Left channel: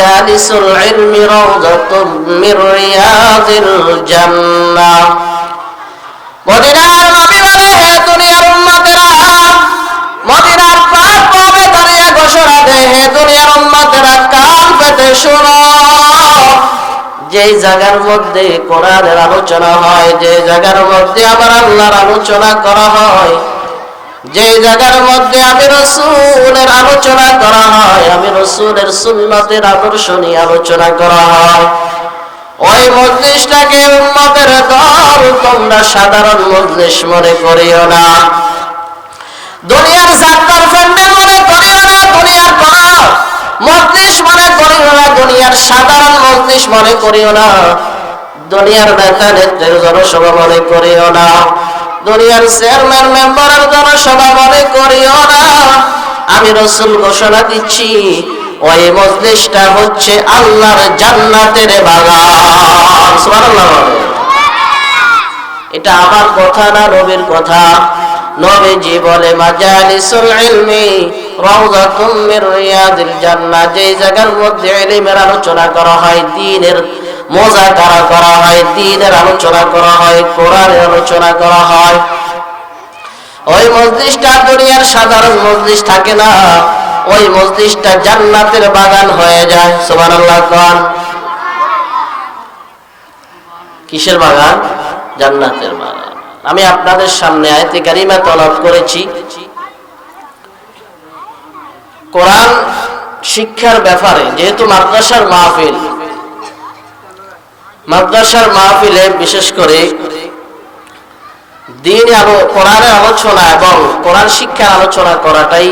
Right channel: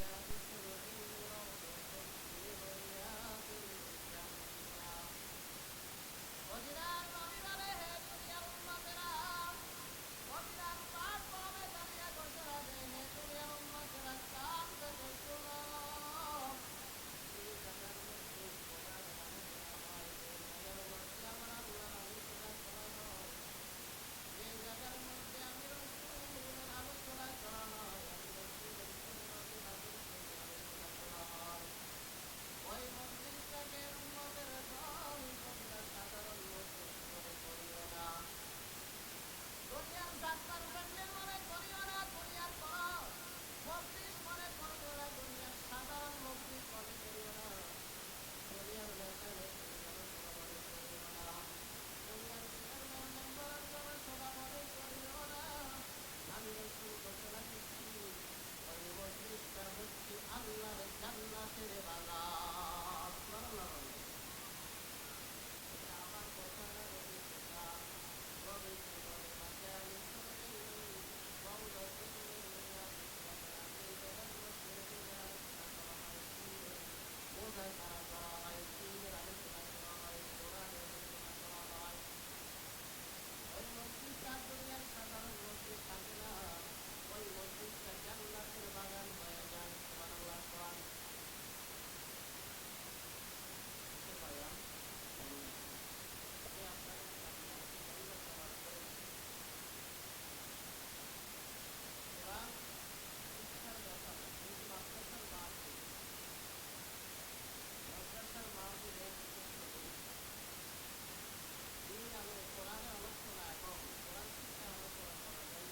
মাজালিসুল ইলমি রাউযাতুম মির রিয়াযিল জান্নাহ। মদিনার নবী বলে, হে দুনিয়ার উম্মতেরা, মদিনার পাক পাবে দাঁড়িয়ে ঘোষণা দেয়, হে দুনিয়ার উম্মতেরা কান পেতে শোনো, যেই জায়গার মধ্যে কোরআনের আলোচনা হয়, যে জায়গার মধ্যে আমার আল্লাহর আলোচনা করা হয়, যে জায়গার মধ্যে আমি রাসূলের আলোচনা করা হয়, আমি রাসূলের সুন্নতের আদর্শ নিয়ে আলোচনা করা হয়, ওই মজলিসটাকে উম্মতের দল তোমরা সাধারণ মজলিস মনে করিও না, দুনিয়ার যাত্রার প্যান্ডেল মনে করিও না, দুনিয়ার কোন মজলিস মনে করিও না, দুনিয়ার সাধারণ মজলিস মনে করিও না, দুনিয়ার নেতা নেত্রীর জনসভা মনে করিও না, দুনিয়ার চেয়ারম্যান মেম্বারের জনসভা মনে করিও না। আমি রাসূল ঘোষণা দিচ্ছি, ওই মজলিসটা হচ্ছে আল্লাহর জান্নাতের বাগান। সুবহানাল্লাহ। এটা আমার কথা না, নবীর কথা। নবীজি বলে, মাজালিসুল ইলমি রাউযাতুম মির রিয়াযিল জান্নাহ, যে জায়গার মধ্যে ইলমের আলোচনা করা হয়, দ্বীনের মুযাকারা করা হয়, দ্বীনের আলোচনা করা হয়, কোরআনের আলোচনা করা হয়, ওই মজলিসটা দুনিয়ার সাধারণ মজলিস থাকে না, ওই মজলিসটা জান্নাতের বাগান হয়ে যায়। সুবহানাল্লাহ। কোন কিসের বাগান? জান্নাতের বাগান। আমি আপনাদের সামনে আয়াতে কারিমা তেলাওয়াত করেছি কোরআন শিক্ষার ব্যাপারে। যেহেতু মাদ্রাসার মাহফিল, মাদ্রাসার মাহফিলে বিশেষ করে দ্বীন এবং কোরআনের আলোচনা এবং কোরআন শিক্ষার আলোচনা করাটাই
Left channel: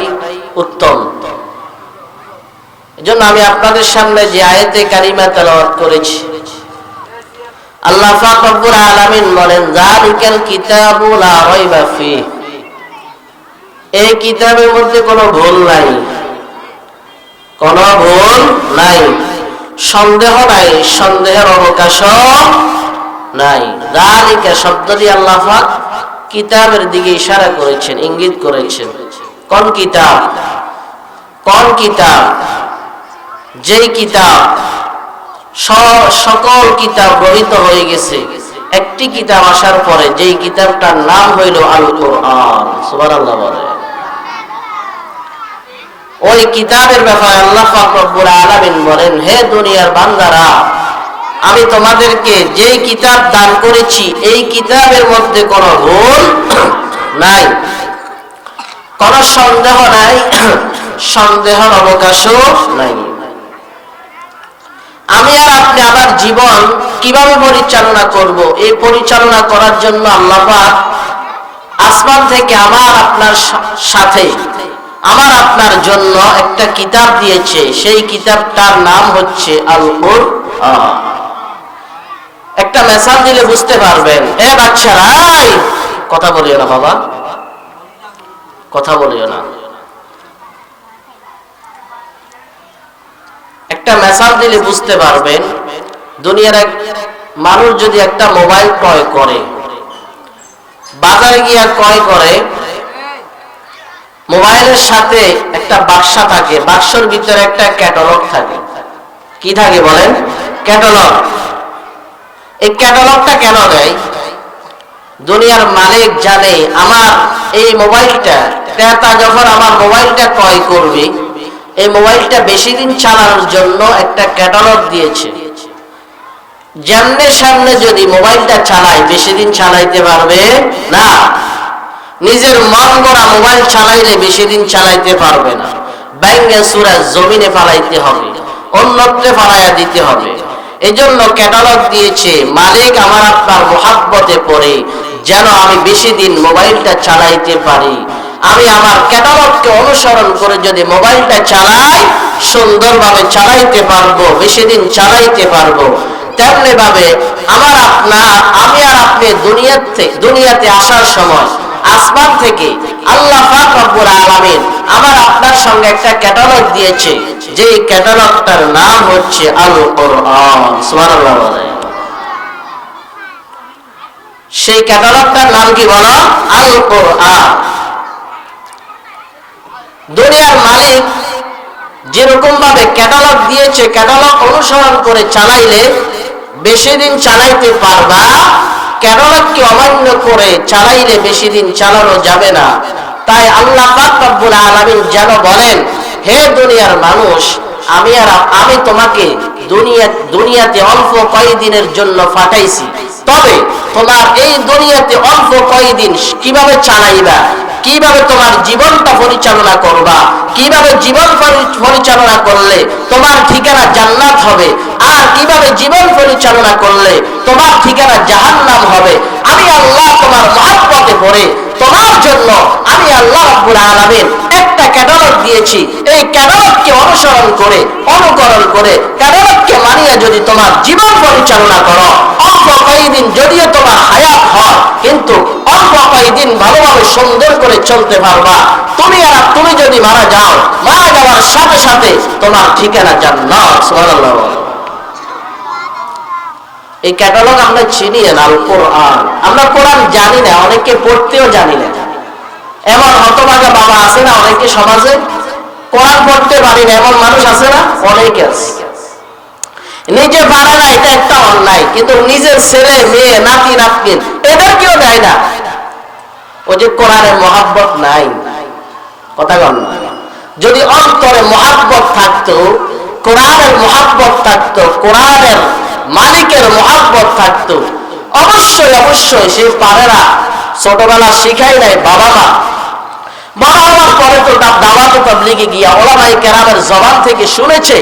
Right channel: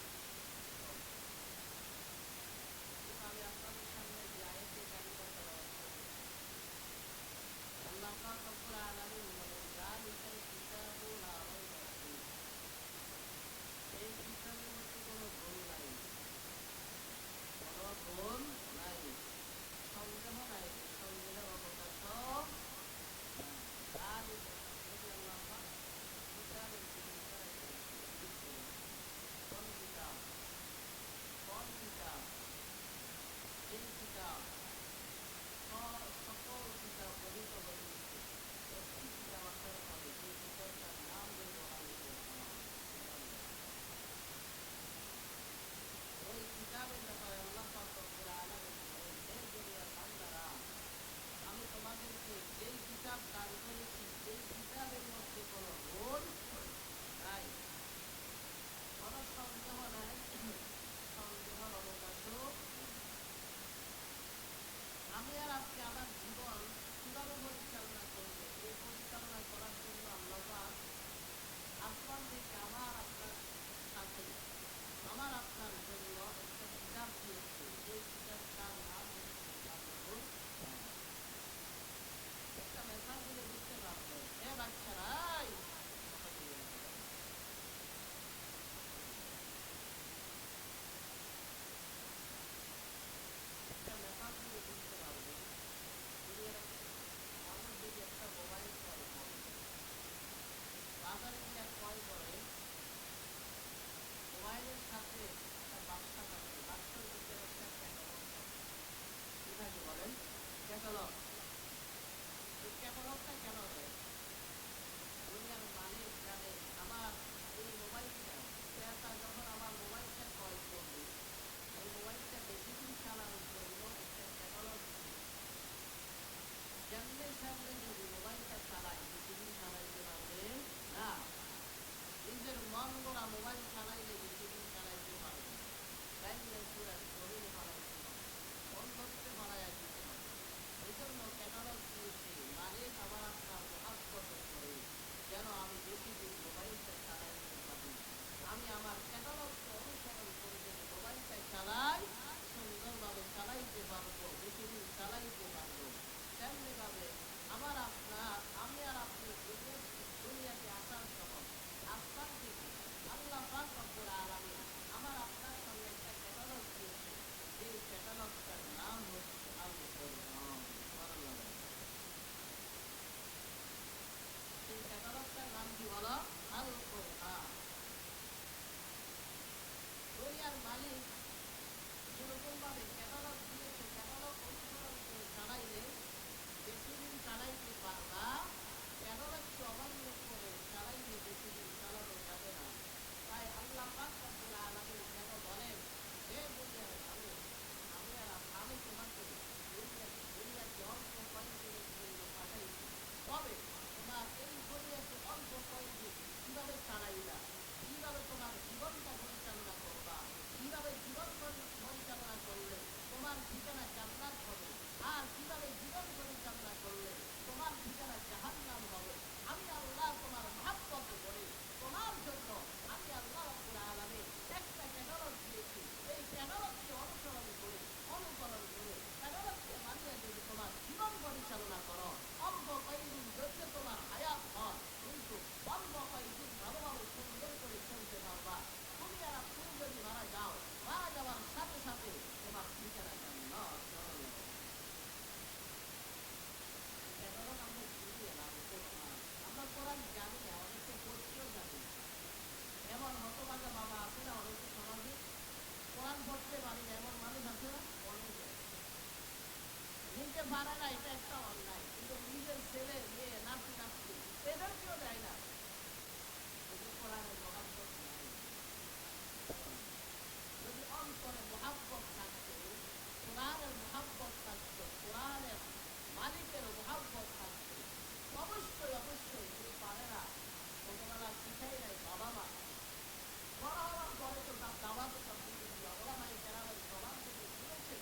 উত্তম। এজন্য আমি আপনাদের সামনে যে আয়াতে কারিমা তেলাওয়াত করেছি, আল্লাহ পাক রব্বুল আলামিন বলেন, যালিকাল কিতাবু লা রাইবা ফীহ, এই কিতাবের মধ্যে কোনো ভুল নাই, কোনো ভুল নাই, সন্দেহ নাই, সন্দেহের অবকাশও নাই। যালিকা শব্দ দিয়ে আল্লাহ পাক কিতাবের দিকে ইশারা করেছেন, ইঙ্গিত করেছেন। কোন কিতাব? কোন কিতাব? যেই কিতাব সকল কিতাব রহিত হয়ে গেছে, একটি কিতাব আসার পরে যেই কিতাবটার নাম হইল আল কোরআন। সুবহানাল্লাহ বলে। ওই কিতাবের ব্যাপারে আল্লাহ পাক রব্বুল আলামিন বলেন, হে দুনিয়ার বান্দারা, আমি তোমাদেরকে যেই কিতাব দান করেছি, এই কিতাবের মধ্যে কোনো ভুল নাই, কোনো সন্দেহ নাই, সন্দেহের অবকাশও নাই। আমি আর আপনি আমার জীবন কিভাবে পরিচালনা করব, এই পরিচালনা করার জন্য আল্লাহ পাক আসমান থেকে আমার আপনার সাথে, আমার আপনার জন্য একটা কিতাব দিয়েছে। সেই কিতাবটার নাম হচ্ছে আল কোরআন। একটা মেসাল দিলে বুঝতে পারবেন। এ বাচ্চারা, কথা বলিও না বাবা, কথা বলিও না। একটা মেসাল দিলে বুঝতে পারবেন। দুনিয়ার এক মানুষ যদি একটা মোবাইল ক্রয় করে, বাজারে গিয়ে ক্রয় করে, মোবাইলের সাথে একটা বাক্সা থাকে, বাক্সর ভিতরে একটা ক্যাটালগ থাকে। কি থাকে বলেন? ক্যাটালগ। এই ক্যাটালগটা কেন দেয়? দুনিয়ার মালিক জানে আমার এই মোবাইলটা, ক্রেতা যখন আমার মোবাইলটা ক্রয় করবে, এই মোবাইলটা বেশি দিন চালানোর জন্য একটা ক্যাটালগ দিয়েছে। যেমনে সামনে যদি মোবাইলটা চালায়, বেশি দিন চালাইতে পারবে না। নিজের মন গড়া মোবাইল চালাইলে বেশি দিন চালাইতে পারবে না। ব্যাঙ্গে সুরা জমিনে ফালাইতে হবে, অন্যত্রে ফালাইয়া দিতে হবে। এজন্য ক্যাটালগ দিয়েছে মালিক আমার আপনার মোহাব্বতে পড়ে, যেন আমি বেশি দিন মোবাইলটা চালাইতে পারি। আমি আমার ক্যাটালগকে অনুসরণ করে যদি মোবাইলটা চালাই, সুন্দরভাবে চালাইতে পারবো, বেশি দিন চালাইতে পারবো। তেমনি ভাবে আমি আর আপনি দুনিয়াতে আসার সময় আসমান থেকে আল্লাহ পাক রব্বুল আলামিন আমার আপনার সঙ্গে একটা ক্যাটালগ দিয়েছে, যে ক্যাটালগটার নাম হচ্ছে আল কোরআন। সুবহানাল্লাহ। সেই ক্যাটালগটার নাম কি বলো? আল কোরআন। দুনিয়ার মালিক যেরকম ভাবে ক্যাটালগ দিয়েছে, ক্যাটালগ অনুসরণ করে চালাইলে বেশি দিন চালাইতে পারবা, ক্যাটালগকে অমান্য করে চালাইলে বেশি দিন চালানো যাবে না। তাই আল্লাহ পাক রব্বুল আলামিন যেন বলেন, হে দুনিয়ার মানুষ, আমি তোমাকে দুনিয়াতে অল্প কয়েকদিনের জন্য পাঠাইছি, তবে তোমার এই দুনিয়াতে অল্প কয়েকদিন কিভাবে চালাইবা, কিভাবে তোমার জীবনটা পরিচালনা করবা, কিভাবে জীবন পরিচালনা করলে তোমার ঠিকানা জান্নাত হবে, আর কিভাবে জীবন পরিচালনা করলে তোমার ঠিকানা জাহান্নাম হবে, আমি আল্লাহ তোমার মহব্বতে পড়ে তোমার জন্য আমি আল্লাহ রাব্বুল আলামিন একটা ক্যাটালগ দিয়েছি। এই ক্যাটালগকে অনুসরণ করে, অনুকরণ করে, ক্যাটালগকে মানিয়ে যদি তোমার জীবন পরিচালনা করো, অল্প কয়েকদিন যদিও তোমার হায়াত হয়, কিন্তু অল্প কয়েকদিন ভালোভাবে সুন্দর করে চলতে পারবা। তুমি যদি মারা যাও, মারা যাওয়ার সাথে সাথে তোমার ঠিকানা জান্নাত। সুবহানাল্লাহ। এই ক্যাটালগ আমরা চিনি না, আল কোরআন। আমরা কোরআন জানি না, অনেকে পড়তেও জানি না। এমন হতভাগা বাবা আছে না অনেকে সমাজে, কোরআন পড়তে পারি না এমন মানুষ আছে না, অনেকে আছে। নিজে পারে না, এটা একটা অন্যায়, কিন্তু নিজের ছেলে মেয়ে নাতি নাতনির এদেরকেও দেয় না। ও যে কোরআনের মহাব্বত নাই, কথা বল না। যদি অন্তরে মহাব্বত থাকতো, কোরআনের মহাব্বত থাকতো, কোরআনের মালিকের মহাব্বত থাকতো, অবশ্যই অবশ্যই সে পারে না। ছোটবেলা শিখাই নাই বাবা মা, বড় হওয়ার পরে তো দাওয়াতে তাবলীগে গিয়া ওলামায়ে কেরামের জবান থেকে শুনেছে,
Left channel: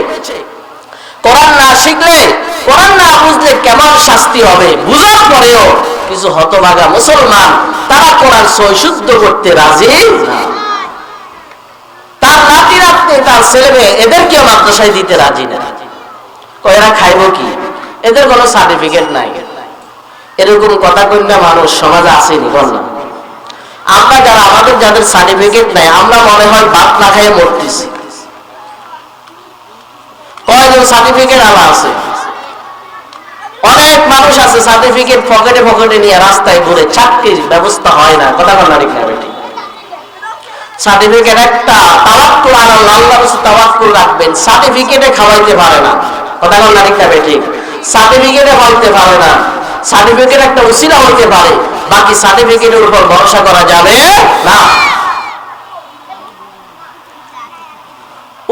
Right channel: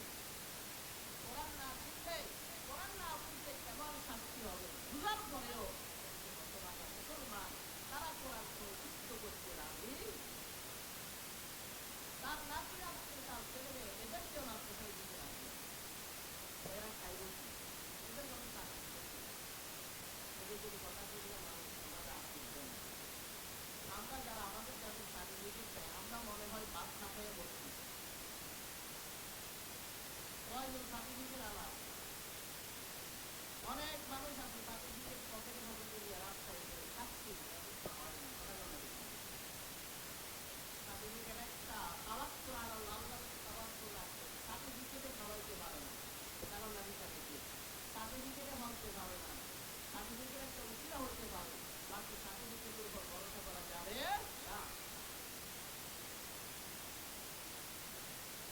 কোরআন না শিখলে, কোরআন না বুঝলে কেমন শাস্তি হবে, বুঝার পরেও কিছু হতভাগা মুসলমান তারা কোরআন সহি শুদ্ধ করতে রাজি না। তার নাতি নাতনি, তার ছেলে মেয়ে এদেরকেও মাদ্রাসায় দিতে রাজি না। এরা খাইব কি, এদের কোনো সার্টিফিকেট নাই। এরকম কথা কইনা মানুষ সমাজে আসেনি, বল না। আমরা যারা, আমাদের যাদের সার্টিফিকেট নাই, আমরা মনে হয় ভাত না খাইয়ে মরতেছি। কয়জন সার্টিফিকেট আলা আছে? অনেক মানুষ আছে সার্টিফিকেট পকেটে পকেটে নিয়ে রাস্তায় ঘুরে, চাকরির ব্যবস্থা হয় না। কথা বল না, ঠিক না বেটি? সার্টিফিকেট একটা, তাওয়াক্কুল আলাল্লাহ, আল্লাহর উপর তাওয়াক্কুল রাখবেন, সার্টিফিকেটে খাওয়াইতে পারে না। কথা বল না, ঠিক না বেটি? সার্টিফিকেটে হইতে পারে না, সার্টিফিকেট একটা উসিলা হইতে পারে, বাকি সার্টিফিকেটের উপর ভরসা করা যাবে না।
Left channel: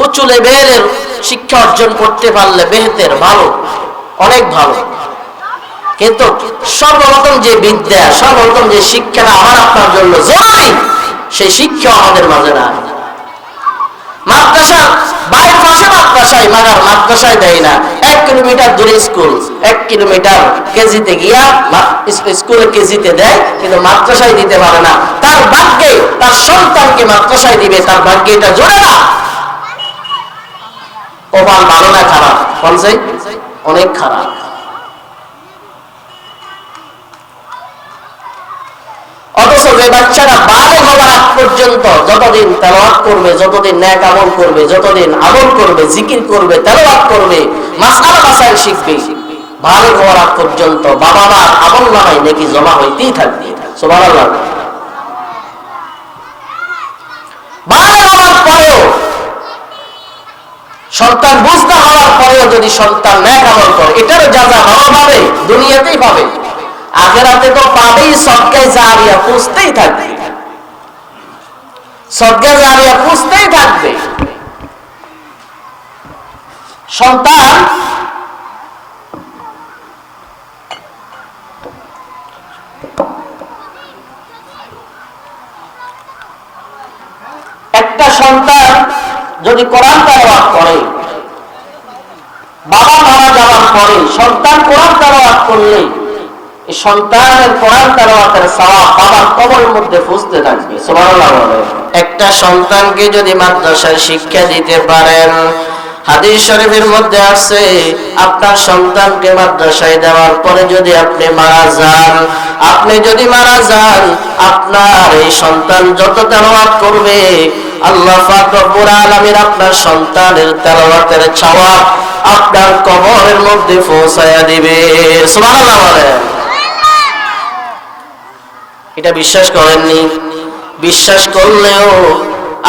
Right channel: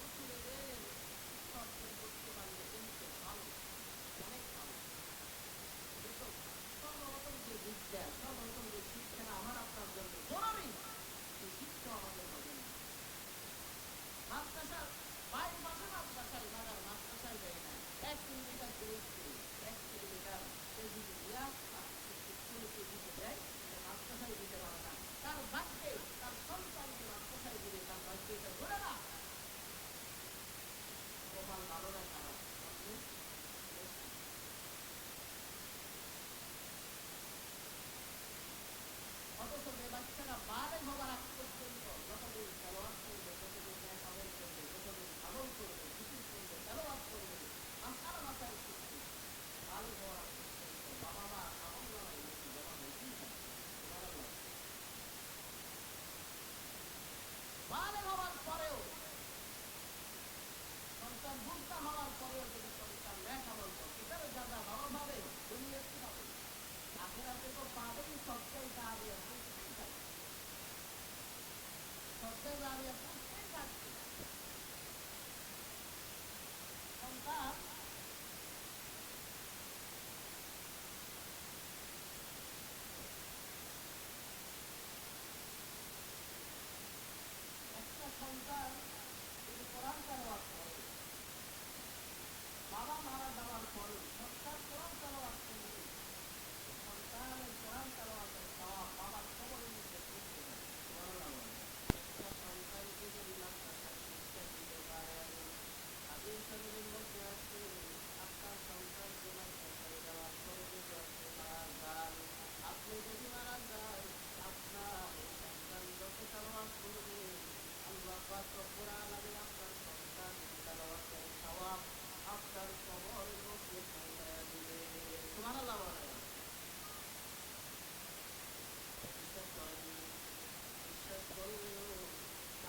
উঁচু লেভেলের শিক্ষা অর্জন করতে পারলে বেহতের, ভালো, অনেক ভালো, কিন্তু সর্বপ্রথম যে বিদ্যা, সর্বপ্রথম যে শিক্ষাটা আমার আপনার জন্য জরুরি, সেই শিক্ষা আমাদের মাঝে না। মাদ্রাসা বাইরের পাশে মাদ্রাসায়, মাগার মাদ্রাসায় দেয় না। 1 কিলোমিটার দূরে স্কুল, 1 কিলোমিটার কেজিতে গিয়া স্কুলে কেজিতে দেয়, কিন্তু মাদ্রাসায় দিতে পারে না। তার ভাগ্যে তার সন্তানকে মাদ্রাসায় দিবে, তার ভাগ্যে এটা জোরে না। কপাল ভালো না খারাপ? বলছে অনেক খারাপ। অথচ যে বাচ্চারা বালে হওয়ার আগ পর্যন্ত যতদিন তেলাওয়াত করবে, যতদিন নেক আমল করবে, যতদিন আমল করবে, জিকির করবে, তেলাওয়াত করবে, মাসআলা মাসাইল শিখবে, বালে হওয়ার আগ পর্যন্ত বাবা মার আমলনামায় নেকি জমা হইতেই থাকবে। সুবহানাল্লাহ। বালে হওয়ার পরেও, সন্তান বুঝতে হওয়ার পরেও যদি সন্তান নেক আমল করে, এটারও যাজা ভালো পাবে, দুনিয়াতেই পাবে, আখিরাতে তো পাবেই। সদকায়ে জারিয়া পুষতেই থাকবে, সদকায়ে জারিয়া পুষতেই থাকবে। সন্তান একটা সন্তান যদি কোরআন তেলাওয়াত করে, বাবা মারা যাওয়ার পরে সন্তান কোরআন তেলাওয়াত করলে, এই সন্তানের কোরআন তেলাওয়াতের সওয়াব বাবার কবরের মধ্যে ফুঁসতে থাকবে। সুবহানাল্লাহ। একটা সন্তানকে যদি মাদ্রাসায় শিক্ষা দিতে পারেন, হাদিস শরীফের মধ্যে আছে, আপনার সন্তানকে মাদ্রাসায় দেওয়ার পরে যদি আপনি মারা যান, আপনার এই সন্তান যত তেলাওয়াত করবে, আল্লাহ পাক রব্বুল আলামিন আপনার সন্তানের তেলাওয়াতের সওয়াব আপনার কবরের মধ্যে পৌঁছায়া দিবে। সুবহানাল্লাহ বলেন। এটা বিশ্বাস করেননি? বিশ্বাস করলেও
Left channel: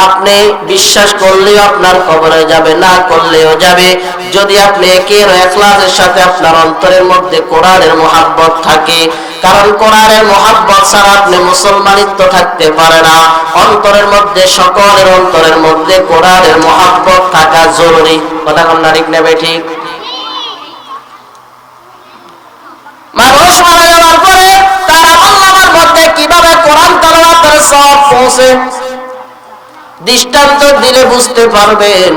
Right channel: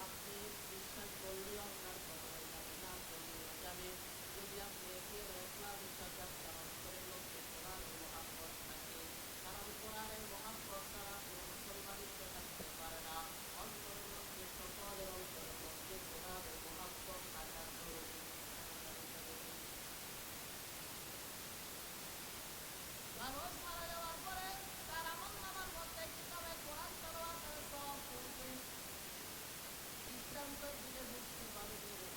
আপনি বিশ্বাস করলেও আপনার কবরে যাবে, না করলেও যাবে। যদি আপনি একের ইখলাসের সাথে আপনার অন্তরের মধ্যে কোরআনের মহব্বত থাকে, কারণ কোরআনের মহব্বত ছাড়া আপনি মুসলমানিত্ব থাকতে পারে না। অন্তরের মধ্যে, সকলের অন্তরের মধ্যে কোরআনের মহব্বত থাকা জরুরি। কথা কোন না ঠিক নেবে? ঠিক। মানুষ মারা যাওয়ার পরে তার আমলনামার মধ্যে কিভাবে কোরআন তেলাওয়াতের সওয়াব পৌঁছে দৃষ্টান্ত দিলে বুঝতে পারবেন।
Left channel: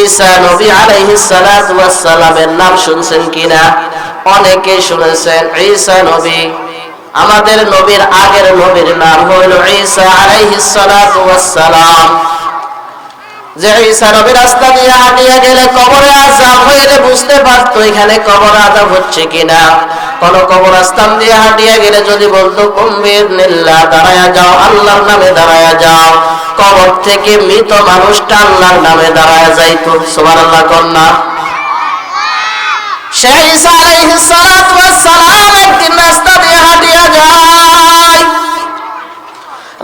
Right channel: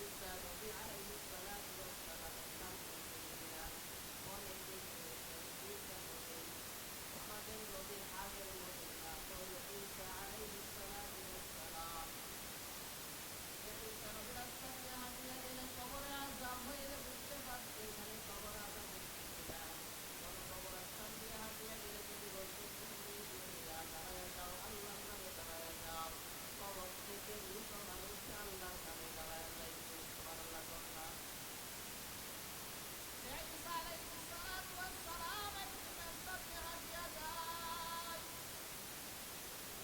ঈসা নবী আলাইহিস সালাতু ওয়াস সালামের নাম শুনছেন কিনা? অনেকে শুনেছেন। ঈসা নবী, আমাদের নবীর আগের নবীর নাম হলো ঈসা আলাইহিস সালাতু ওয়াস সালাম। যে ঈসা নবী রাস্তা দিয়ে হাঁটিয়ে গেলে কবরে আযাব হইলে বুঝতে পারতো এখানে কবর আযাব হচ্ছে কিনা। কোন কবরস্থান দিয়ে হাঁটিয়ে গেলে যদি বলতো কুম্বিরনিল্লাহ, দাঁড়ায়া যাও, আল্লাহর নামে দাঁড়ায়া যাও, কবর থেকে মৃত মানুষটা আল্লাহর নামে দাঁড়ায়া যাইতো। সুবহানাল্লাহ কন্যা। সেই ঈসা আলাইহিস সালাতু ওয়াস সালাম একদিন রাস্তা দিয়ে হাঁটিয়ে যায়।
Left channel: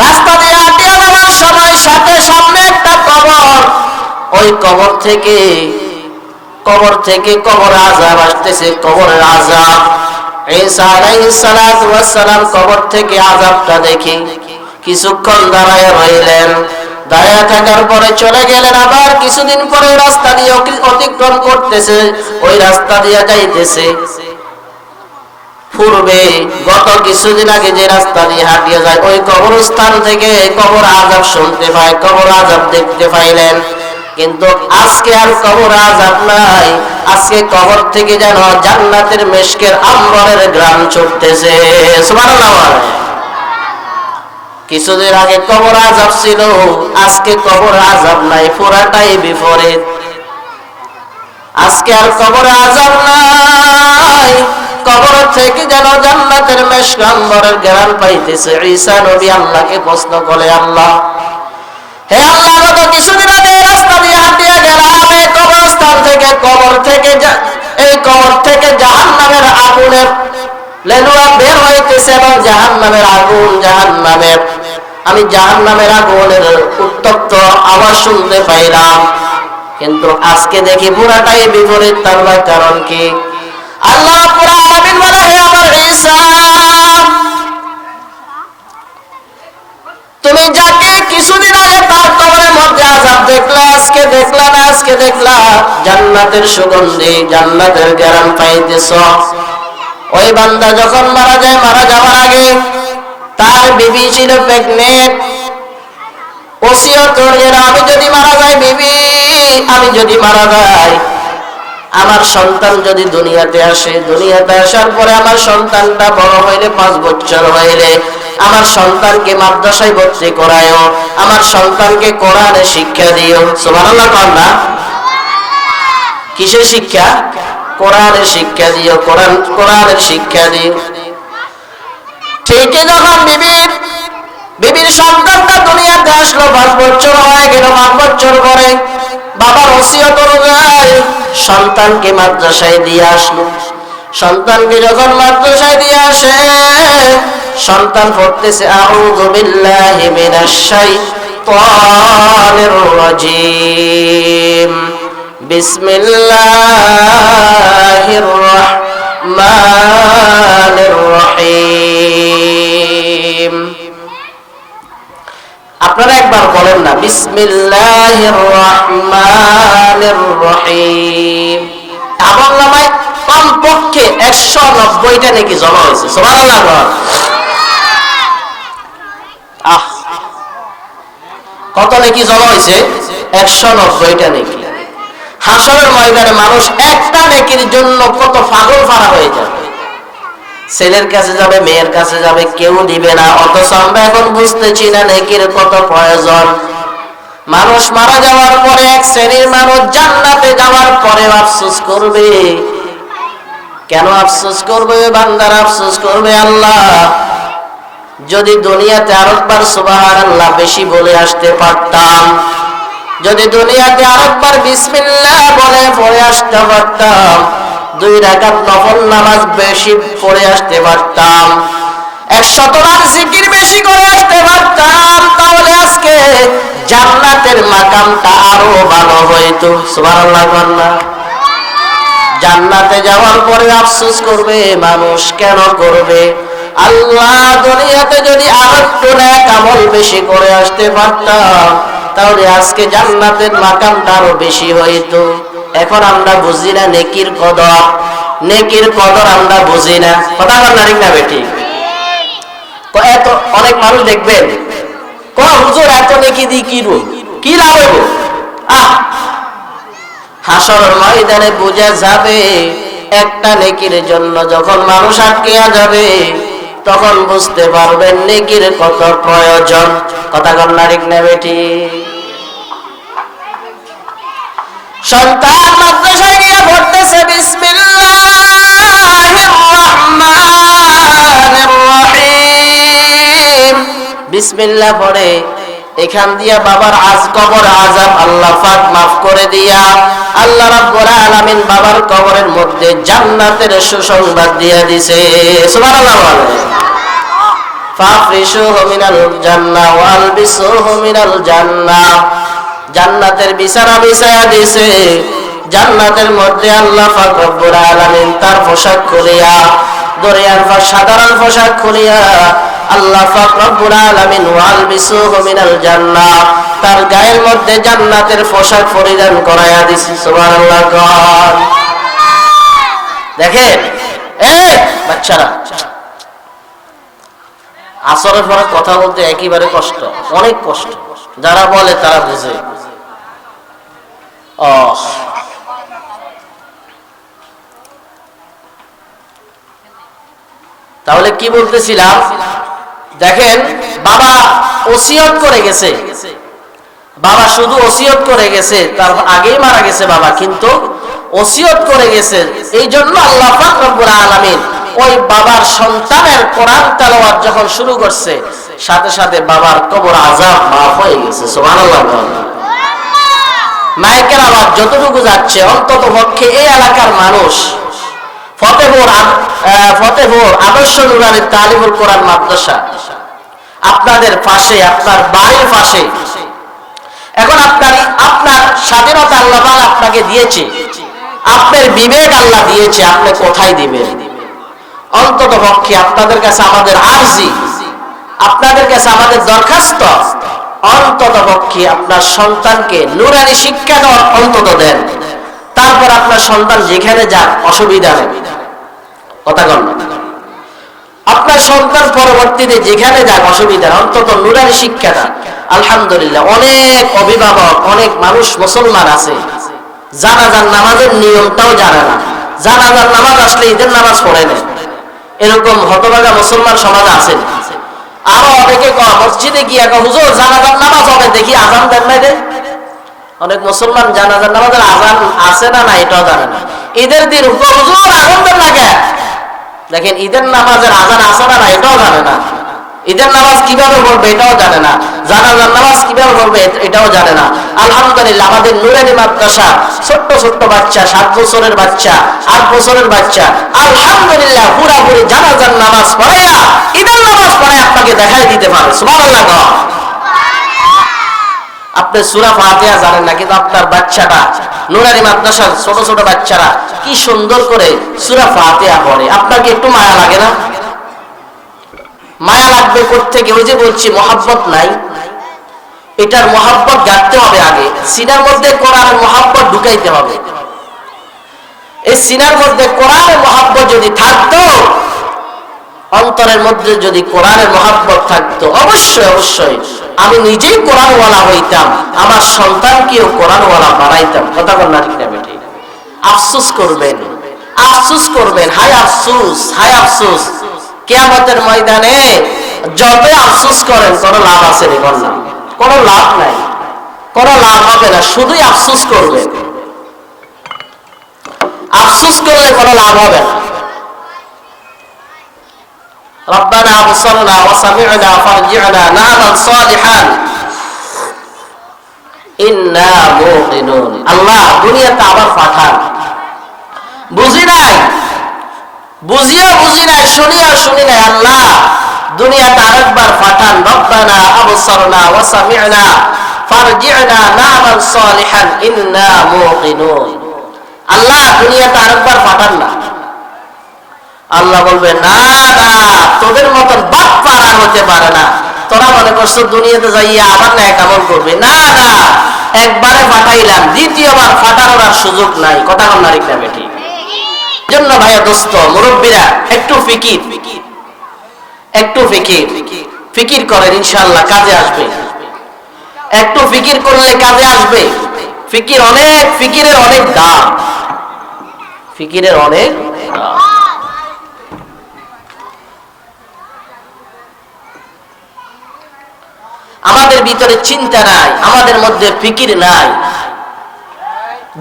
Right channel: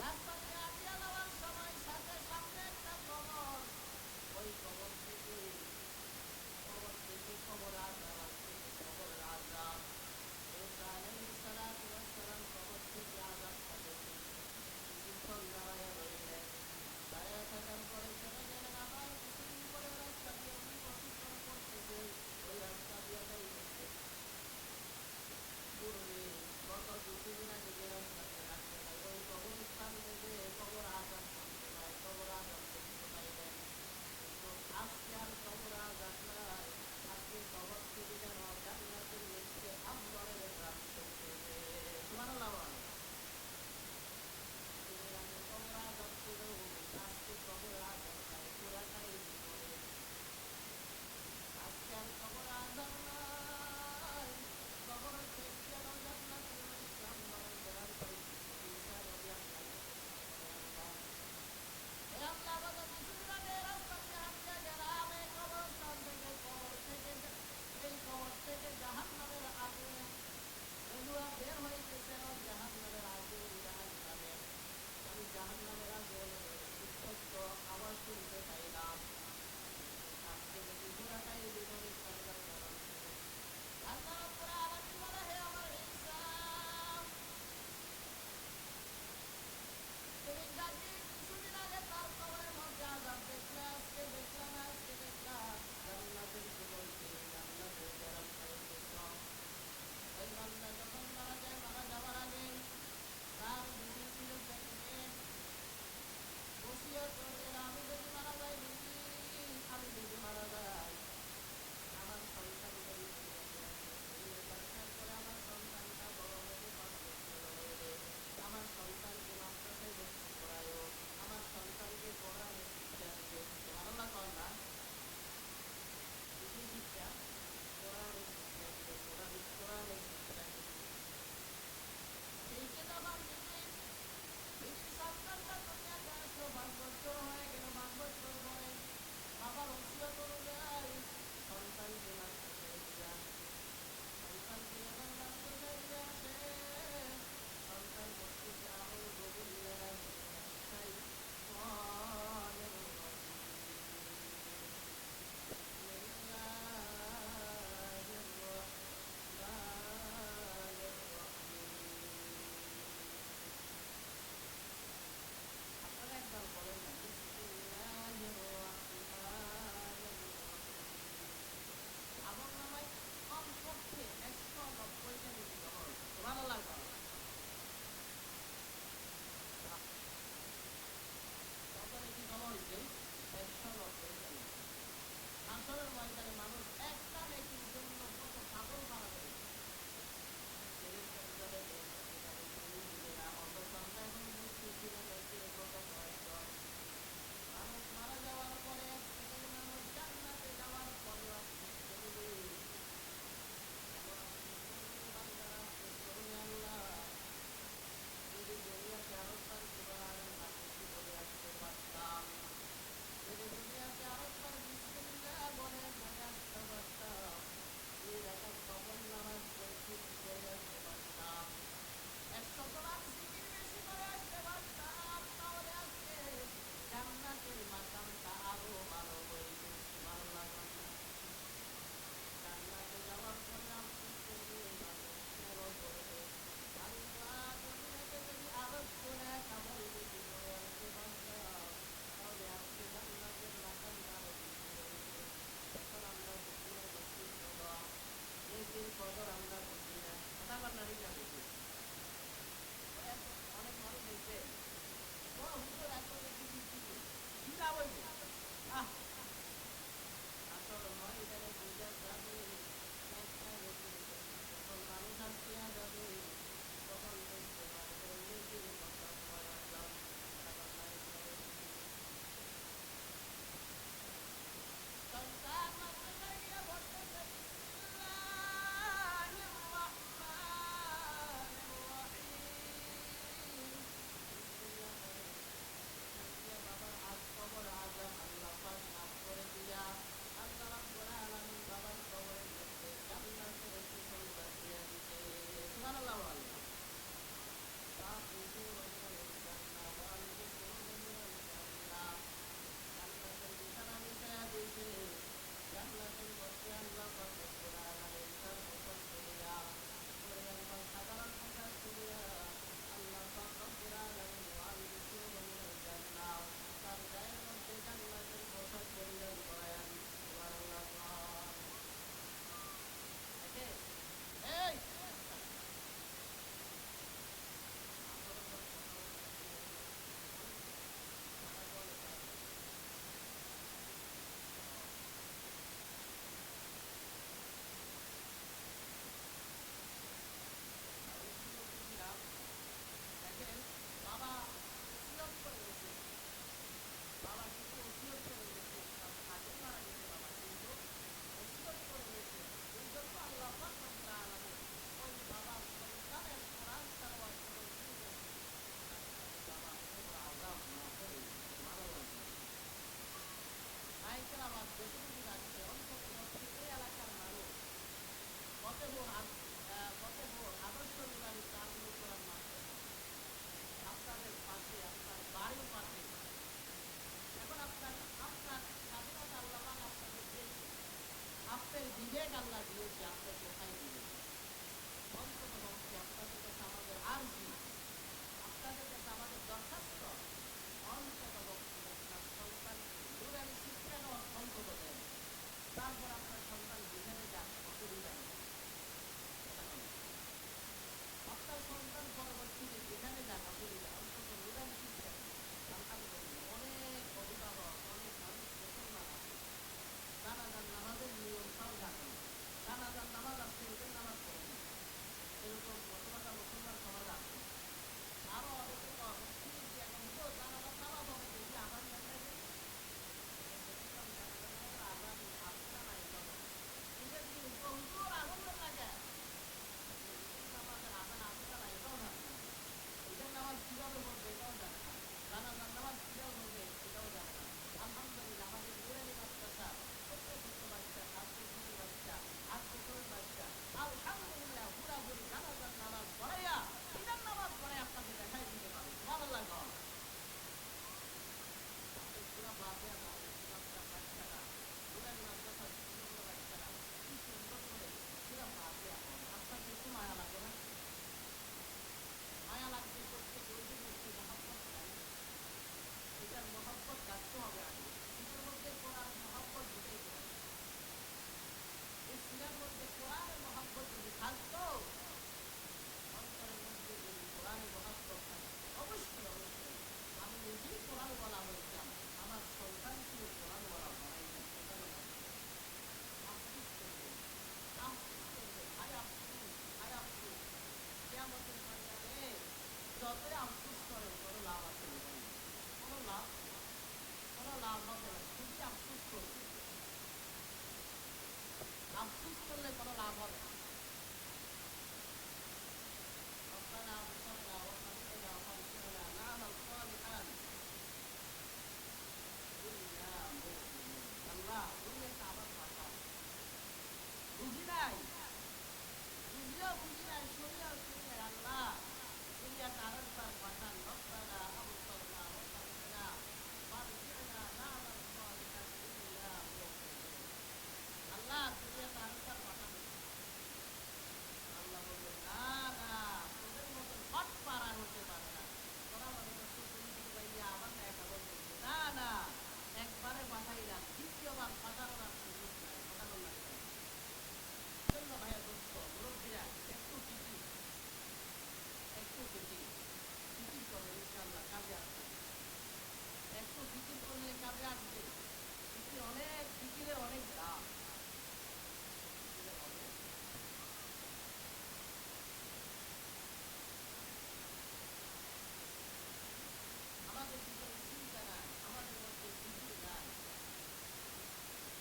রাস্তা দিয়ে হাঁটিয়ে যাওয়ার সময় সাথে সামনে একটা কবর। ওই কবর থেকে কবর আযাব আসতেছে, কবরের আযাব। ঈসা আলাইহিস সালাতু ওয়াস সালাম কবর থেকে আযাবটা দেখে কিছুক্ষণ দাঁড়ায় রইলেন। দাঁড়ায় থাকার পরে চলে গেলেন। আবার কিছুদিন পরে রাস্তা দিয়ে অতিক্রম করতেছে, ওই রাস্তা দিয়ে যাইতেছে। পূর্বে গত কিছুদিন আগে যে রাস্তা দিয়ে হাঁটিয়ে যায়, ওই কবরস্থান থেকে কবর আযাব শুনতে পায়, কবর আযাব দেখতে পাইলেন। কিন্তু আজকে আর কবর আযাব নাই। আজকে কবর থেকে যেন জান্নাতের মিশকের আম্বরের ঘ্রাণ ছুটতেছে। সুবহানাল্লাহ। কিছুদিন আগে কবর আযাব ছিল, আজকে কবর আযাব নাই, পুরাটাই বিপরীত। আজকে আর কবর আযাব নাই, কবর থেকে যেন জান্নাতের মিশক আম্বরের ঘ্রাণ পাইতেছে। ঈসা নবী আল্লাহকে প্রশ্ন করে, আল্লাহ, হে আল্লাহ, গত কিছুদিন আগে রাস্তা দিয়ে হাঁটিয়ে গেলাম, এই কবরস্থান থেকে এই কবর থেকে জাহান্নামের আগুনের লেলুয়া বের হইতেছে এবং আমি জাহান্নামের আগুনের উত্তপ্ত আওয়াজ শুনতে পাইলাম। কিন্তু আজকে দেখি পুরাটাই বিপরীত। তার কারণ কি? আল্লাহ রাব্বুল আলামিন বলে, হে আমার ঈসা, তুমি যাকে কিছুদিন আগে তার কবরের মধ্যে আযাব দেখলা, আজকে দেখলা জান্নাতের সুগন্ধি, জান্নাতের ঘ্রাণ পাইতেছ। ওই বান্দা যখন মারা যায়, মারা যাওয়ার আগে তার বিবি ছিল প্রেগনেন্ট। ওসিয়ত করে, আমি যদি মারা যাই বিবি, আমি যদি মারা যাই, আমার সন্তান যদি দুনিয়াতে আসে, দুনিয়াতে আসার পরে আমার সন্তানটা বড় হইলে 5 বছর হইলে আমার সন্তানকে মাদ্রাসায় ভর্তি করায়ও, আমার সন্তানকে কোরআনের শিক্ষা দিও। সুবহানাল্লাহ কন্যা। কিসের শিক্ষা? কোরআনের শিক্ষা দিও, কোরআনের শিক্ষা দিও। ঠিকই যখন বিবির সন্তানটা দুনিয়াতে আসলো, 5 বছর হয়ে গেল, 5 বছর পরে বাবার ওসিয়ত অনুযায়ী সন্তানকে মাদ্রাসায় দিয়ে আসলো। সন্তানকে যখন মাদ্রাসায় দিয়ে আসে, সন্তান পড়তেছে আউযু বিল্লাহি মিনাশ শাইতানির রাজীম, বিসমিল্লাহির রাহমানির রহিম। আপনারা একবার বলেন না, বিসমিল্লাহির রাহমানির রহিম। আমলনামায় কমপক্ষে 190টা নাকি জমা হয়েছে। সুবহানাল্লাহ। কত নাকি জমা হয়েছে? 190টা নাকি। হাসরের ময়দানে মানুষ একটা নেকির জন্য কত পাগল ফারা হয়ে যাবে। ছেলের কাছে যাবে, মেয়ের কাছে যাবে, কেউ দিবে না। অথচ আমরা এখন বুঝতেছি না নেকির কত প্রয়োজন। মানুষ মারা যাওয়ার পরে এক শ্রেণীর মানুষ জান্নাতে যাওয়ার পরে আফসোস করবে। কেন আফসোস করবে? বান্দার আফসোস করবে, আল্লাহ, যদি দুনিয়াতে আরেকবার সুবহানাল্লাহ বেশি বলে আসতে পারতাম, যদি দুনিয়াতে আরেকবার বিসমিল্লাহ বলে পড়ে আসতে পারতাম, 2 রাকাত নফল নামাজ বেশি পড়ে আসতে পারতাম, 100 বার জিকির বেশি করে আসতে পারতাম, তাহলে আজকে জান্নাতের মাকামটা আরো ভালো হইতো। সুবহানাল্লাহ। জান্নাতে যাওয়ার পরে আফসোস করবে মানুষ, কেন করবে? আল্লাহ, দুনিয়াতে যদি আরেকটু নেক আমল বেশি করে আসতে পারতাম, তাহলে আজকে জান্নাতের মাকামটা আরো বেশি হইতো। এখন আমরা বুঝি না নেকির কদর, নেকির কদর আমরা বুঝি না। কথা বল ঠিক না বেটি? এত অনেক মানুষ দেখবেন হুজুর এত নেকি দি কি লাভ হইব? হাসরের ময়দানে বোঝা যাবে, একটা নেকির জন্য যখন মানুষ আটকিয়া যাবে, তখন বুঝতে পারবেন নেকির কত প্রয়োজন। কথা বল ঠিক না বেটি? সন্তান মাদ্রাসায় গিয়ে পড়তেছে, বিসমিল্লাহির রহমানির রহিম, বিসমিল্লাহ পড়ে এখান দিয়া বাবার কবর আযাব আল্লাহ পাক মাফ করে দিয়া আল্লাহ রাব্বুল আলামিন বাবার কবরের মধ্যে জান্নাতের সুসংবাদ দিয়া দিছে। সুবহানাল্লাহ। ফাফরিশুহু মিনাল জান্নাহ ওয়ালবিসুহু মিনাল জান্নাহ, জান্নাতের বিছানা বিছায়া দিছে। জান্নাতের মধ্যে আল্লাহ পাক রব্বুল আলামিন তার পোশাক খুলিয়া, দুনিয়ার সাধারণ পোশাক খুলিয়া আল্লাহ পাক রব্বুল আলামিন ওয়ালবিসুহু মিনাল জান্নাহ, তার গায়ের মধ্যে জান্নাতের পোশাক পরিধান করায়া দিছে। সুবহানাল্লাহ। দেখেন এই বাচ্চারা, আসরের পরে কথা বলতে একেবারে কষ্ট, অনেক কষ্ট। যারা বলে তারা বুঝে। তাহলে কি বলতেছিলাম? দেখেন, বাবা ওসিয়ত করে গেছে, বাবা শুধু ওসিয়ত করে গেছে, তার আগেই মারা গেছে বাবা, কিন্তু ওসিয়ত করে গেছে। এই জন্য আল্লাহ পাক রব্বুল আলামিন ওই বাবার সন্তানের কোরআন তেলাওয়াত যখন শুরু করছে, সাথে সাথে বাবার কবর আযাব মাফ হয়ে গেছে। সুবহানাল্লাহ। মাইকের আওয়াজ যতটুকু যাচ্ছে, অন্তত পক্ষে এই এলাকার মানুষ ফতেপুর আদর্শ নুরানী তালিমুল কোরআন মাদ্রাসা আপনাদের পাশে, আপনার বাড়ির পাশে। এখন আপনার স্বাধীনতা আল্লাহ আপনাকে দিয়েছে, আপনার বিবেক আল্লাহ দিয়েছে, আপনি কোথায় দিবেন? অন্তত পক্ষে আপনাদের কাছে আমাদের আরজি, আপনাদের কাছে আমাদের দরখাস্ত, অন্তত পক্ষে আপনার সন্তানকে নুরানি শিক্ষা অন্তত দেন। তারপর আপনার সন্তান যেখানে যাক অসুবিধা নেই। কথা বল, আপনার সন্তান পরবর্তীতে যেখানে যাক অসুবিধা, অন্তত নুরানি শিক্ষাটা। আলহামদুলিল্লাহ, অনেক অভিভাবক, অনেক মানুষ মুসলমান আছে জানাজার নামাজের নিয়মটাও জানে না। জানাজার নামাজ আসলে ঈদের নামাজ পড়ে না, এরকম হতভাগা মুসলমান সমাজ আছে। আরো অনেকে মসজিদে গিয়ে হুজুর জানাজার নামাজ হবে, দেখি আজান দেন নাই রে। অনেক মুসলমান জানাজার নামাজের আজান আছে না এটাও জানে না। ঈদের দিন হুজুর আজান দেন না কেন? দেখেন, ঈদের নামাজের আজান আছে না এটাও জানে না। ঈদের নামাজ কিভাবে পড়বে এটাও জানে না। জানাজার নামাজ কিভাবে পড়বে এটাও জানে না। আলহামদুলিল্লাহ, আমাদের নুরানি মাদ্রাসা ছোট্ট ছোট্ট বাচ্চা, 7 বছরের বাচ্চা, 8 বছরের বাচ্চা, আলহামদুলিল্লাহ পুরাপুরি জানাজার নামাজ পড়াইয়া ঈদের নামাজ পড়ায় আপনাকে দেখাই দিতে পারে। সুবহানাল্লাহ। আপনি সূরা ফাতিহা জানেন না, কিন্তু আপনার বাচ্চাটা নুরানি মাদ্রাসার ছোট ছোট বাচ্চারা কি সুন্দর করে সূরা ফাতিহা পড়ে। আপনার কি একটু মায়া লাগে না? মায়া লাগবে কোত্থেকে? ওই যে বলছি, মহাব্বত নাই। এটার মহাব্বত গাঁথতে হবে আগে। সিনার মধ্যে কোরআনের মহাব্বত ঢুকাইতে হবে। এই সিনার মধ্যে কোরআনের মহাব্বত যদি থাকতো, অন্তরের মধ্যে যদি কোরআনের মহাব্বত থাকতো, অবশ্যই অবশ্যই আমি নিজেই কোরআনওয়ালা হইতাম, আমার সন্তানকেও কোরআনওয়ালা বানাইতাম। কথা বল না ঠিক না বেটি? আফসোস করবেন, আফসোস করবেন, হায় আফসোস, হায় আফসোস। কিয়ামতের ময়দানে যত আফসোস করেন কোনো লাভ আছে রে? বললাম কোনো লাভ নাই, কোনো লাভ হবে না, শুধুই আফসোস করবেন। আফসোস করলে কোনো লাভ হবে না। রব্বানা আবসারনা ওয়া সামি'না ফারজি'না না'মাল সালিহান ইন্না মুকিনুন। আল্লাহ দুনিয়াতে আবার পাঠান। বুঝি নাই, বুঝিও বুঝি নাই, শুনিও শুনি নাই। আল্লাহ দুনিয়াতে আরেকবার পাঠান, রব্বানা আবসারনা ওয়া সামি'না ফারজি'না না'মাল সালিহান ইন্না মুকিনুন। আল্লাহ দুনিয়াতে আরেকবার পাঠান না। আল্লাহ বলবে না না, তোদের মতন বাটপার আর হতে পারে না। তোরা মনে করছো দুনিয়াতে যাইয়া আবার ন্যাক আমল করবে, না না, একবারে পাঠাইলাম, দ্বিতীয়বার পাঠানোর আর সুযোগ নাই। কথা বল না, ঠিক না বেটি? জন্য ভাইয়া দোস্ত মুরব্বীরা একটু ফিকির করেন, ইনশাআল্লাহ কাজে আসবে। একটু ফিকির করলে কাজে আসবে। ফিকিরের অনেক দাম। আমাদের ভিতরে চিন্তা নাই, আমাদের মধ্যে ফিকির নাই।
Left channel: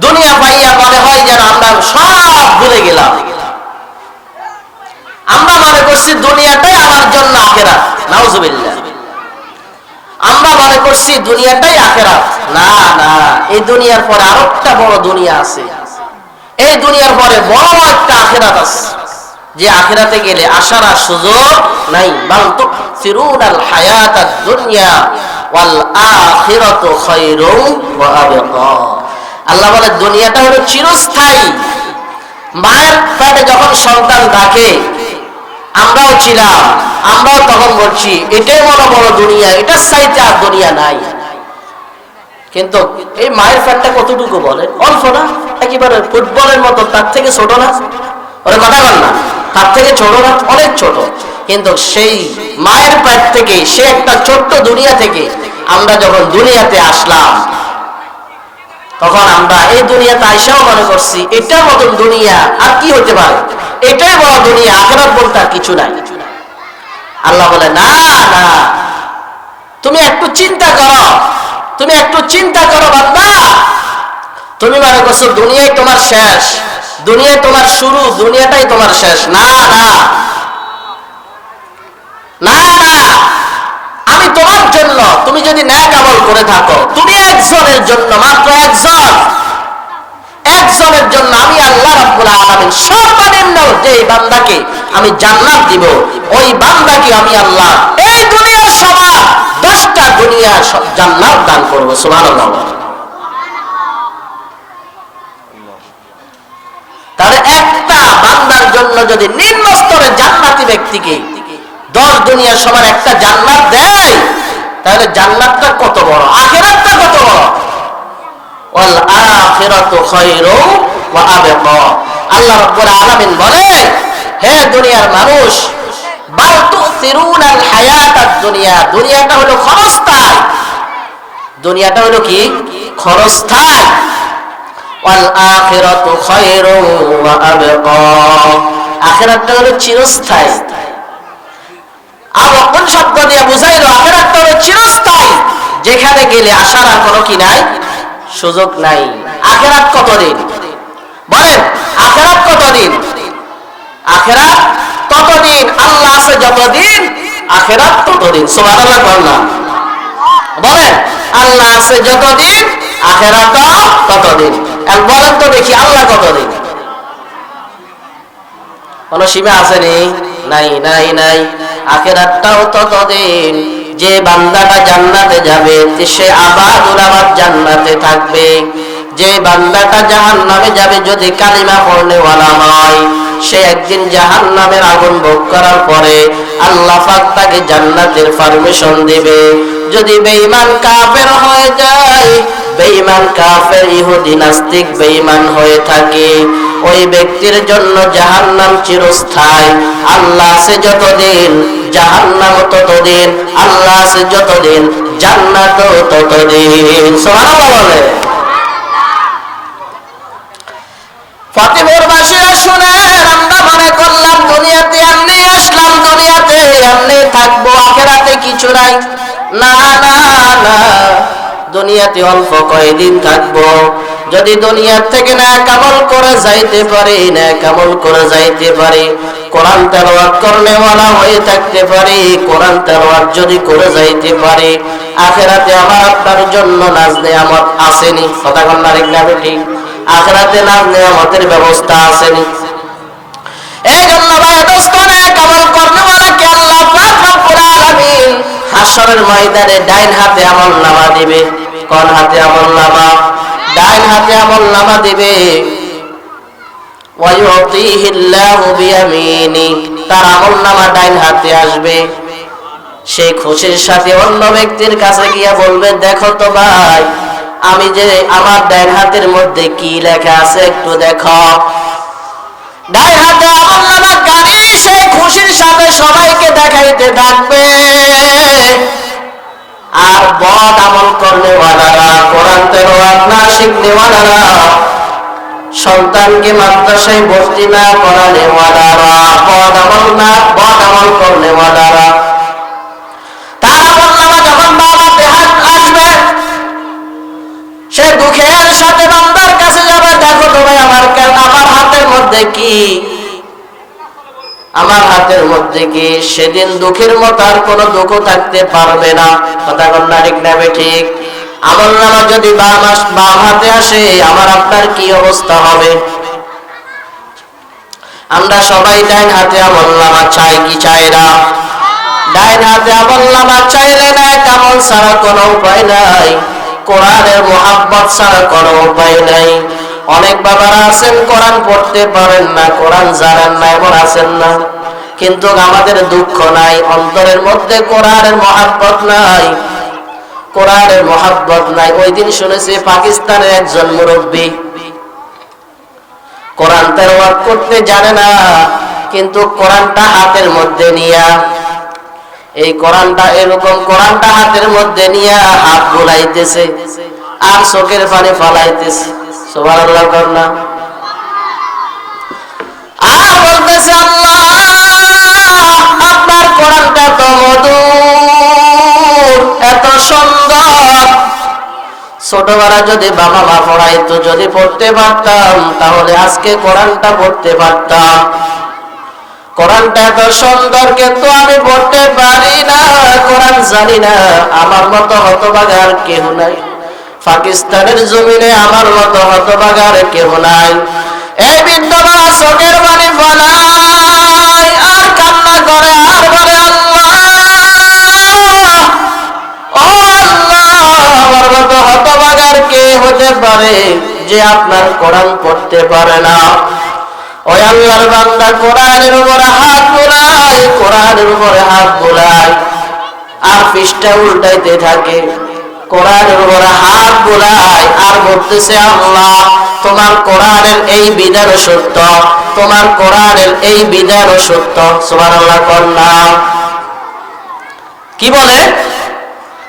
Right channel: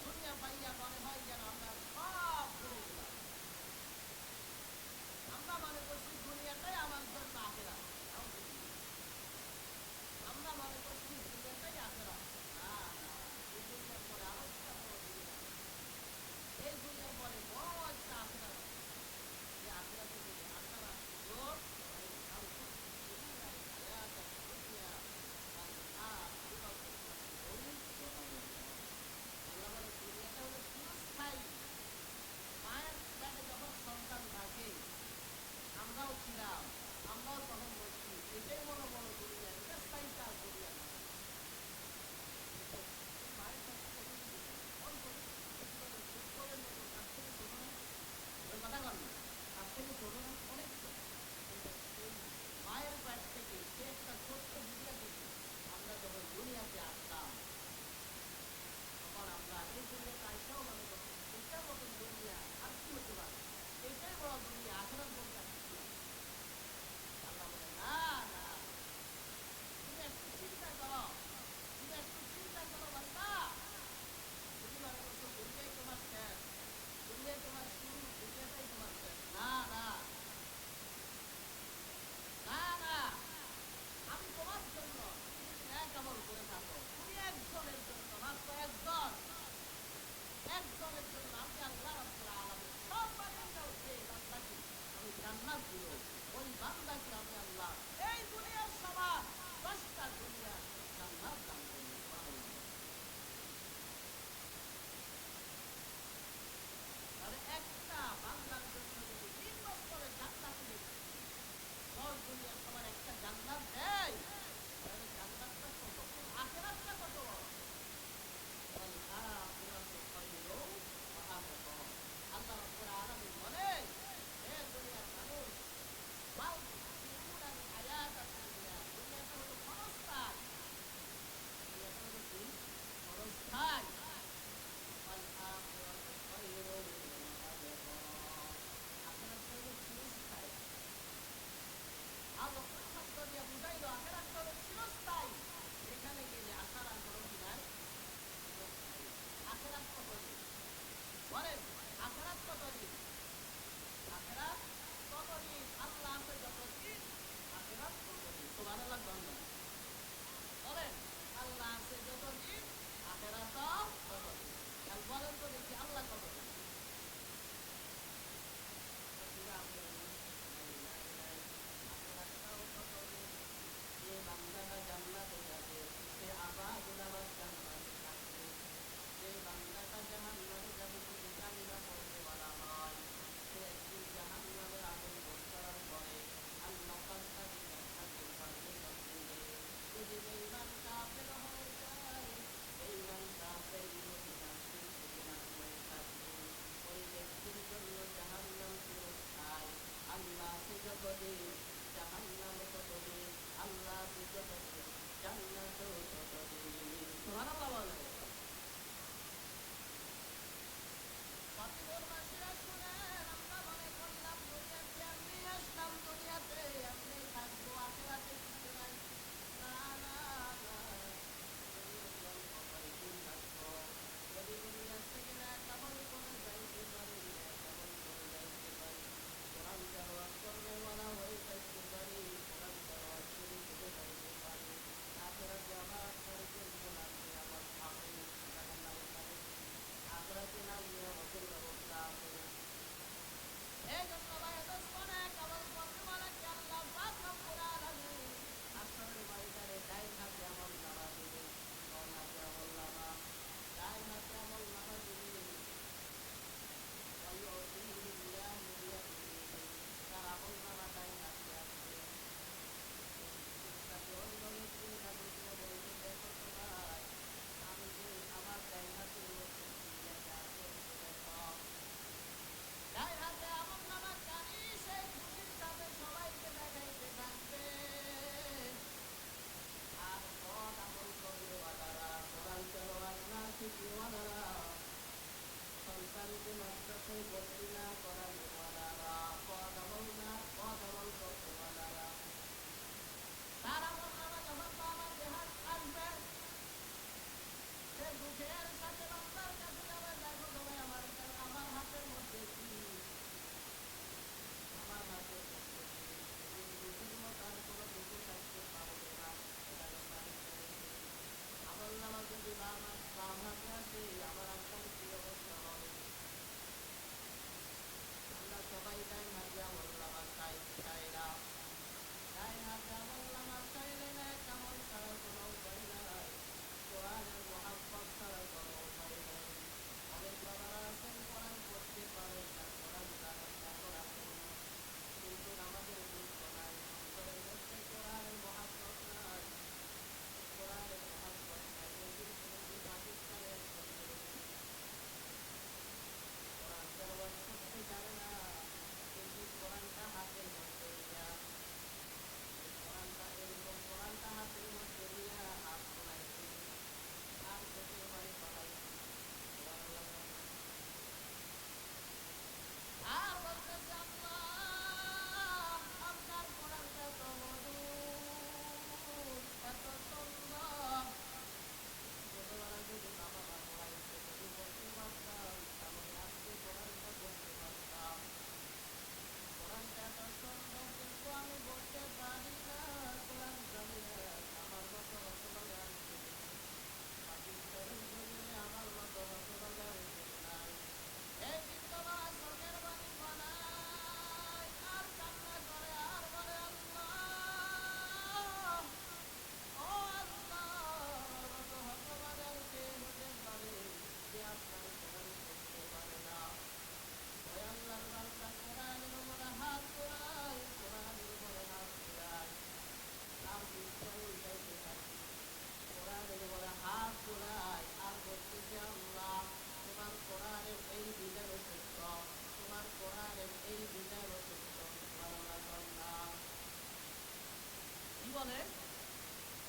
দুনিয়া পাইয়া মনে হয় যেন আমরা সব ভুলে গেলাম। আমরা মনে করছি দুনিয়াটাই আমার জন্য আখিরাত। নাউজুবিল্লাহ। আমরা মনে করছি দুনিয়াটাই আখিরাত। না না, এই দুনিয়ার পরে আরেকটা বড় দুনিয়া আছে। এই দুনিয়ার পরে বড় একটা আখিরাত আছে, যে আখিরাতে গেলে আসার আর সুযোগ নাই। বাল তুসিরুনাল হায়াতাদ দুনিয়া ওয়াল আখিরাতু খায়রুন ওয়া আবকা। আল্লাহ বলে দুনিয়াটা হলো চিরস্থায়ী। মায়ের পেটে যখন সন্তান থাকে, আমরাও ছিলাম, আমরাও তখন বলছি এটাই বড় দুনিয়া, এটার চাইতে আর দুনিয়া নাই। কিন্তু এই মায়ের পেটটা কতটুকু বলেন? অল্প না, একেবারে ফুটবলের মতো, তার থেকে ছোট না। ওরা কথা বল না, তার থেকে ছোট না, অনেক ছোট। কিন্তু সেই মায়ের পেট থেকে, সে একটা ছোট্ট দুনিয়া থেকে আমরা যখন দুনিয়াতে আসলাম, তখন আমরা এই দুনিয়াতে আইসাও মনে করছি এটার মতন দুনিয়া আর কি হতে পারে, এটাই বড় দুনিয়া, আখিরাত বলতে আর কিছু নাই। আল্লাহ বলে না না, তুমি একটু চিন্তা করো বান্দা। তুমি মনে করছো দুনিয়ায় তোমার শেষ, দুনিয়ায় তোমার শুরু, দুনিয়াটাই তোমার শেষ। না না না না, আমি তোমার জন্য, তুমি যদি নেক আমল করে থাকো, তুমি একজনের জন্য, মাত্র একজনের জন্য আমি আল্লাহ রাব্বুল আলামিন সর্বনিম্ন যে বান্দাকে আমি জান্নাত দিব, ওই বান্দাকে আমি আল্লাহ এই দুনিয়ার সমান 10টা দুনিয়া জান্নাত দান করব। সুবহানাল্লাহ। তাহলে একটা বান্দার জন্য যদি নিম্ন স্তরের জান্নাতি ব্যক্তিকে 10 দুনিয়ার সমান একটা জান্নাত দেয়, তাহলে জান্নাতটা কত বড়, আখিরাতটা কত বড়। ওয়াল আখিরাতু খায়রুন ওয়া আবকা। আল্লাহ রাব্বুল আলামিন বলে, হে দুনিয়ার মানুষ, বাল তুসিরুনাল হায়াতাদ দুনিয়া, দুনিয়াটা হলো ক্ষণস্থায়ী। দুনিয়াটা হলো কি? ক্ষণস্থায়ী। ওয়াল আখিরাতু খায়রুন ওয়া আবকা, আখিরাতটা হলো চিরস্থায়ী। আর কোন শব্দ দিয়ে বুঝাইলো আখিরাতটা হলো চিরস্থায়ী, যেখানে গেলে আসার আর কোনো কি নাই, সুযোগ নাই। আখিরাত কতদিন বলেন? আখিরাত কতদিন? আখিরাত ততদিন, আল্লাহ আছে যতদিন, আখিরাত ততদিন। সুবহানাল্লাহ বলেন, আল্লাহ আছে যতদিন, আখিরাত ততদিন। বলেন তো দেখি, আল্লাহ কতদিন? কোন সীমা আছে নাই? নাই নাই। আখিরাতটাও ততদিন, যে বান্দাটা জান্নাতে যাবে সে আবাদুল আবাদ জান্নাতে থাকবে। যে বান্দাটা জাহান্নামে যাবে, যদি কালিমা পড়নেওয়ালা হয়, সে একদিন জাহান্নামের আগুন ভোগ করার পরে আল্লাহ পাক তাকে জান্নাতের পারমিশন দিবে। যদি বেঈমান কাফের হয়ে যায়, বেঈমান কাফের ইহুদি নাস্তিক বেঈমান হয়ে থাকে, ওই ব্যক্তির জন্য জাহান্নাম চিরস্থায়ী। আল্লাহ আছে যতদিন, জাহান্নাম ততদিন। আল্লাহ আছে যতদিন, জান্নাত ততদিন। সুবহানাল্লাহ বলে। ফতেপুরবাসীরা শুনেন, আমরা মনে করলাম দুনিয়াতে এমনি আসলাম, দুনিয়াতে এমনি থাকবো, আখিরাতে কিছু নাই। না না না, দুনিয়াতে অল্প কয়েকদিন থাকবো। যদি দুনিয়ার থেকে নেক আমল করে যাইতে পারি, নেক আমল করে যাইতে পারি, কোরআন তেলাওয়াত করনেওয়ালা হয়ে থাকতে পারি, কোরআন তেলাওয়াত যদি করে যাইতে পারি, আখিরাতে আমার আপনার জন্য নাজ নেয়ামত আসেনি। কথা কন না, ঠিক না ঠিক? আখিরাতে নাজ নেয়ামতের ব্যবস্থা আসেনি। এই জন্য ভাই দোস্ত, নেক আমল করনেওয়ালাকে আল্লাহ পাক হাসরের ময়দানে ডাইন হাতে আমলনামা দিবে। কোন হাতে আমলনামা? ডাইন হাতে আমলনামা দিবে। ওয়ায়ুতিহিল্লাহু বিয়ামিনি, তার আমলনামা ডাইন হাতে আসবে। সেই খুশির সাথে অন্য ব্যক্তির কাছে গিয়ে বলবে, দেখো তো ভাই, আমি যে আমার ডাইন হাতের মধ্যে কি লেখা আছে একটু দেখো। ডাইন হাতে আমলনামা গাড়ি সেই খুশির সাথে সবাইকে দেখাইতে থাকবে। আর বদ আমল করনেওয়ালারা, কোরআন তেলাওয়াত না শিখনেওয়ালারা, সন্তানকে মাদ্রাসায় ভর্তি না করানেওয়ালারা, বদ আমল করনেওয়ালারা, তার আমলনামা যখন বাবাতে হাত আসবে, সে দুঃখের সাথে বান্দার কাছে যাবে, দেখো তো ভাই আমার হাতের মধ্যে কি, আমার হাতের মধ্যে কি। সেদিন দুঃখের মতো আর কোনো দুঃখ থাকতে পারবে না। কথা বল না ঠিক না ঠিক? আমলনামা যদি বাম হাতে আসে, আমার আপনার কি অবস্থা হবে? আমরা সবাই ডাইন হাতে আমলনামা চাই কি চাই না? ডাইন হাতে আমলনামা চাইলে না, আমল ছাড়া কোনো উপায় নাই, কোরআনের মুহাব্বত ছাড়া কোনো উপায় নাই। অনেক বাবারা আছেন কোরআন পড়তে পারেন না, কোরআন জানেন না, এমন আছেন না? কিন্তু আমাদের দুঃখ নাই, অন্তরের মধ্যে কোরআনের মুহাব্বত নাই, কোরআনের মুহাব্বত নাই। ওই দিন শুনেছি পাকিস্তানের একজন মুরব্বী কোরআন তেলাওয়াত করতে জানে না, কিন্তু কোরআনটা হাতের মধ্যে নিয়া, এই কোরআনটা এরকম কোরআনটা হাতের মধ্যে নিয়া হাত বুলাইতেছে আর চোখের পানি ফালাইতেছে। সুবহানাল্লাহ করনা। আর বলতেছে, আল্লাহ আপনার কোরআনটা তো মধুর, এত সুন্দর। ছোটবেলা যদি বাবা মা পড়াইতো, যদি পড়তে পারতাম, তাহলে আজকে কোরআনটা পড়তে পারতাম। কোরআনটা এত সুন্দর, কিন্তু আমি পড়তে পারি না, কোরআন জানি না। আমার মতো হতভাগা আর কেউ নাই পাকিস্তানের জমিনে, আমার মতো হতভাগা আর কেউ নাই। এই বিদ্যমান চোখের পানি ফলায় আর কান্না করে আর বলে, আল্লাহ ও আল্লাহ, আমার মতো হতভাগা আর কে হতে পারে যে আপনার কোরআন পড়তে পারে না? ওই আল্লাহর বান্দা কোরআনের উপরে হাত বোলায়, কোরআনের উপরে হাত বোলায় আর পৃষ্ঠা উল্টাইতে থাকে, কোরআনের উপরে হাত বোলায় আর বলতেছে, আল্লাহ তোমার কোরআনের এই বিধান সত্য, তোমার কোরআনের এই বিধান সত্য। সুবহানাল্লাহ কন্যা। কি বলে?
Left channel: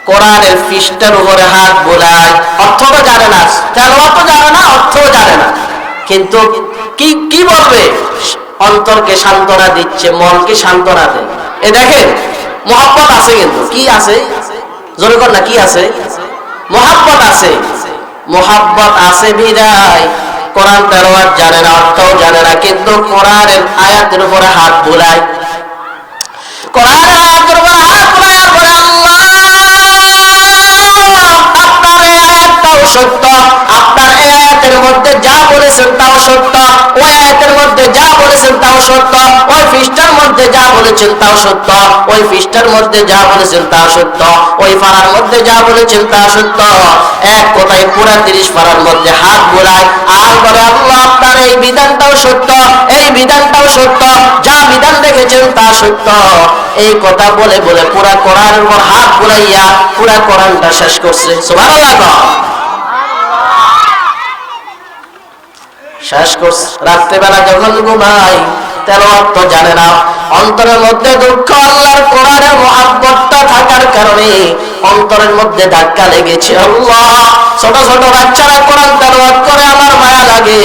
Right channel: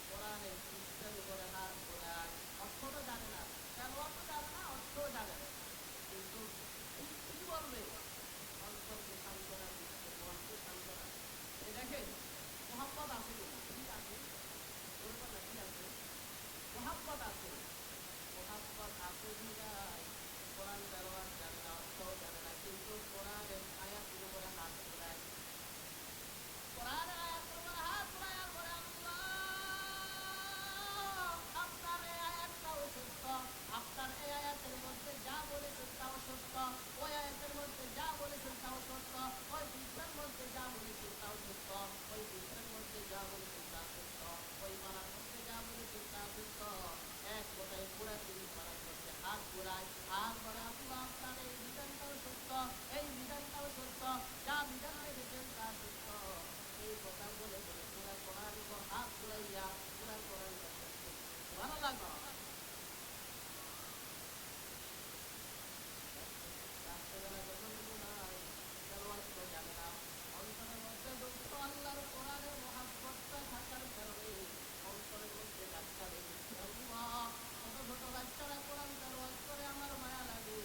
কোরআনের পৃষ্ঠার উপরে হাত বোলায়, অর্থটা জানে না, তেলাওয়াতও জানে না, অর্থও জানে না, কিন্তু কি বলবে? অন্তরকে সান্ত্বনা দিচ্ছে, মনকে সান্ত্বনা দেয়। এ দেখেন মুহাব্বত আছে, কিন্তু কি আছে? জোরে কর না, কি আছে? মুহাব্বত আছে। মুহাব্বত আছে বিদায় কোরআন তেলাওয়াত জানে না, অর্থও জানে না, কিন্তু কোরআনের আয়াতের উপরে হাত বোলায়, কোরআনের আয়াতের উপরে হাত বোলায় আর বলে, আল্লাহ আপনার এই আয়াতটাও সত্য, আপনার এই আয়াতের মধ্যে যা বলেছেন তাও সত্য, ওই আয়াতের মধ্যে যা বলেছেন তাও সত্য, ওই পৃষ্ঠার মধ্যে যা বলেছেন তাও সত্য, ওই পৃষ্ঠার মধ্যে যা বলেছেন তা সত্য, ওই পারার মধ্যে যা বলেছেন তা সত্য। এক কথায় পুরা 30 পারার মধ্যে হাত বোলায় আর বলে, আল্লাহ আপনার এই বিধানটাও সত্য, এই বিধানটাও সত্য, যা বিধান রেখেছেন তা সত্য। এই কথা বলে বলে পুরা কোরআনের উপর হাত বোলাইয়া পুরা কোরআনটা শেষ করছে। সুবহানাল্লাহ। শেষ করছে। রাত্রেবেলা যখন ঘুমাই, তেলাওয়াত তো জানে না, অন্তরের মধ্যে দুঃখ, আল্লাহর কোরআনের মুহাব্বতটা থাকার কারণে অন্তরের মধ্যে ধাক্কা লেগেছে। আল্লাহ, ছোট ছোট বাচ্চারা কোরআন তেলাওয়াত করে, আমার মায়া লাগে।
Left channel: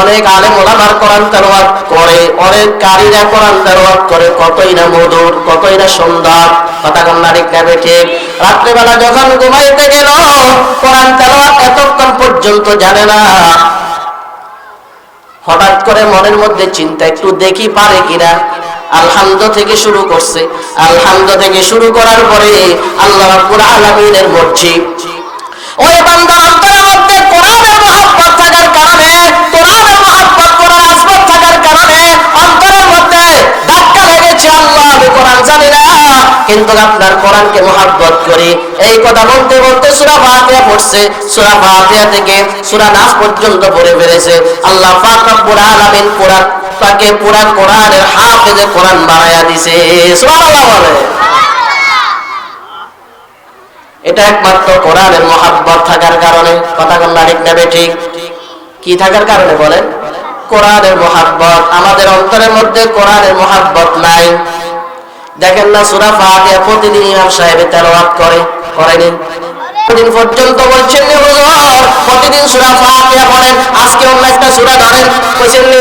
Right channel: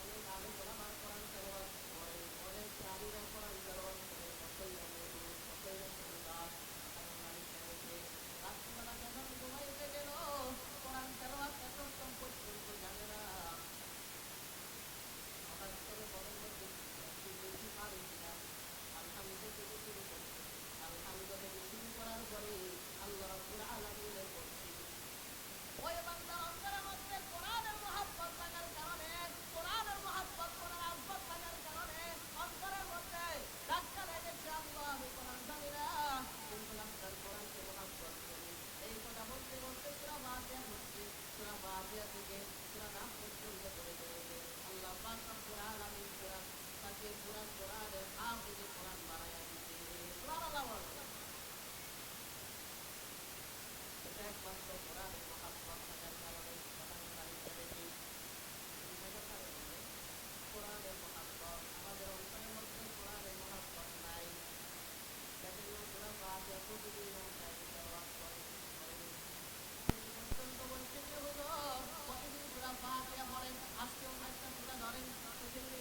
অনেক আলেম ওলামার কোরআন তেলাওয়াত করে, অনেক কারীরা কোরআন তেলাওয়াত করে, কতই না মধুর, কতই না সুন্দর। কথা কন্যা ঠিক না ঠিক? রাত্রেবেলা যখন ঘুমাইতে গেল, কোরআন তেলাওয়াত এতক্ষণ পর্যন্ত জানে না। হঠাৎ করে মনের মধ্যে চিন্তা, একটু দেখি পারে কিনা। আলহামদু থেকে শুরু করছে, আলহামদু থেকে শুরু করার পরে আল্লাহ রাব্বুল আলামিনের মর্জি, ওই বান্দার অন্তরের মধ্যে কোরআনের মুহাব্বত থাকার কারণে, কোরআনের মুহাব্বত, কোরআন আজমত থাকার কারণে অন্তরের মধ্যে ধাক্কা লেগেছে। আল্লাহ আমি কোরআন জানি না, কিন্তু আপনার কোরআনকে মুহাব্বত করি। এই কথা বলতে বলতে সূরা ফাতিহা পড়ছে, সূরা ফাতিহা থেকে সূরা নাস পর্যন্ত পড়ে ফেলেছে। আল্লাহ পাক রব্বুল আলামিন তাকে পুরা কোরআনের হাফেজে কোরআন বানায়া দিয়েছে। সুবহানাল্লাহ বলে। এটা একমাত্র কোরআনের মুহাব্বত থাকার কারণে। কথা বললা ঠিক না ঠিক? কি থাকার কারণে বলেন? কোরআনের মুহাব্বত। আমাদের অন্তরের মধ্যে কোরআনের মুহাব্বত নাই। দেখেন না সূরা ফাতিহা প্রতিদিন ইমাম সাহেব তেলাওয়াত করেনি? দিন পর্যন্ত বলছেন হুজুর প্রতিদিন সূরা ফাতিহা পড়েন, আজকে অন্য একটা সূরা ধরেন, কইছেন নি?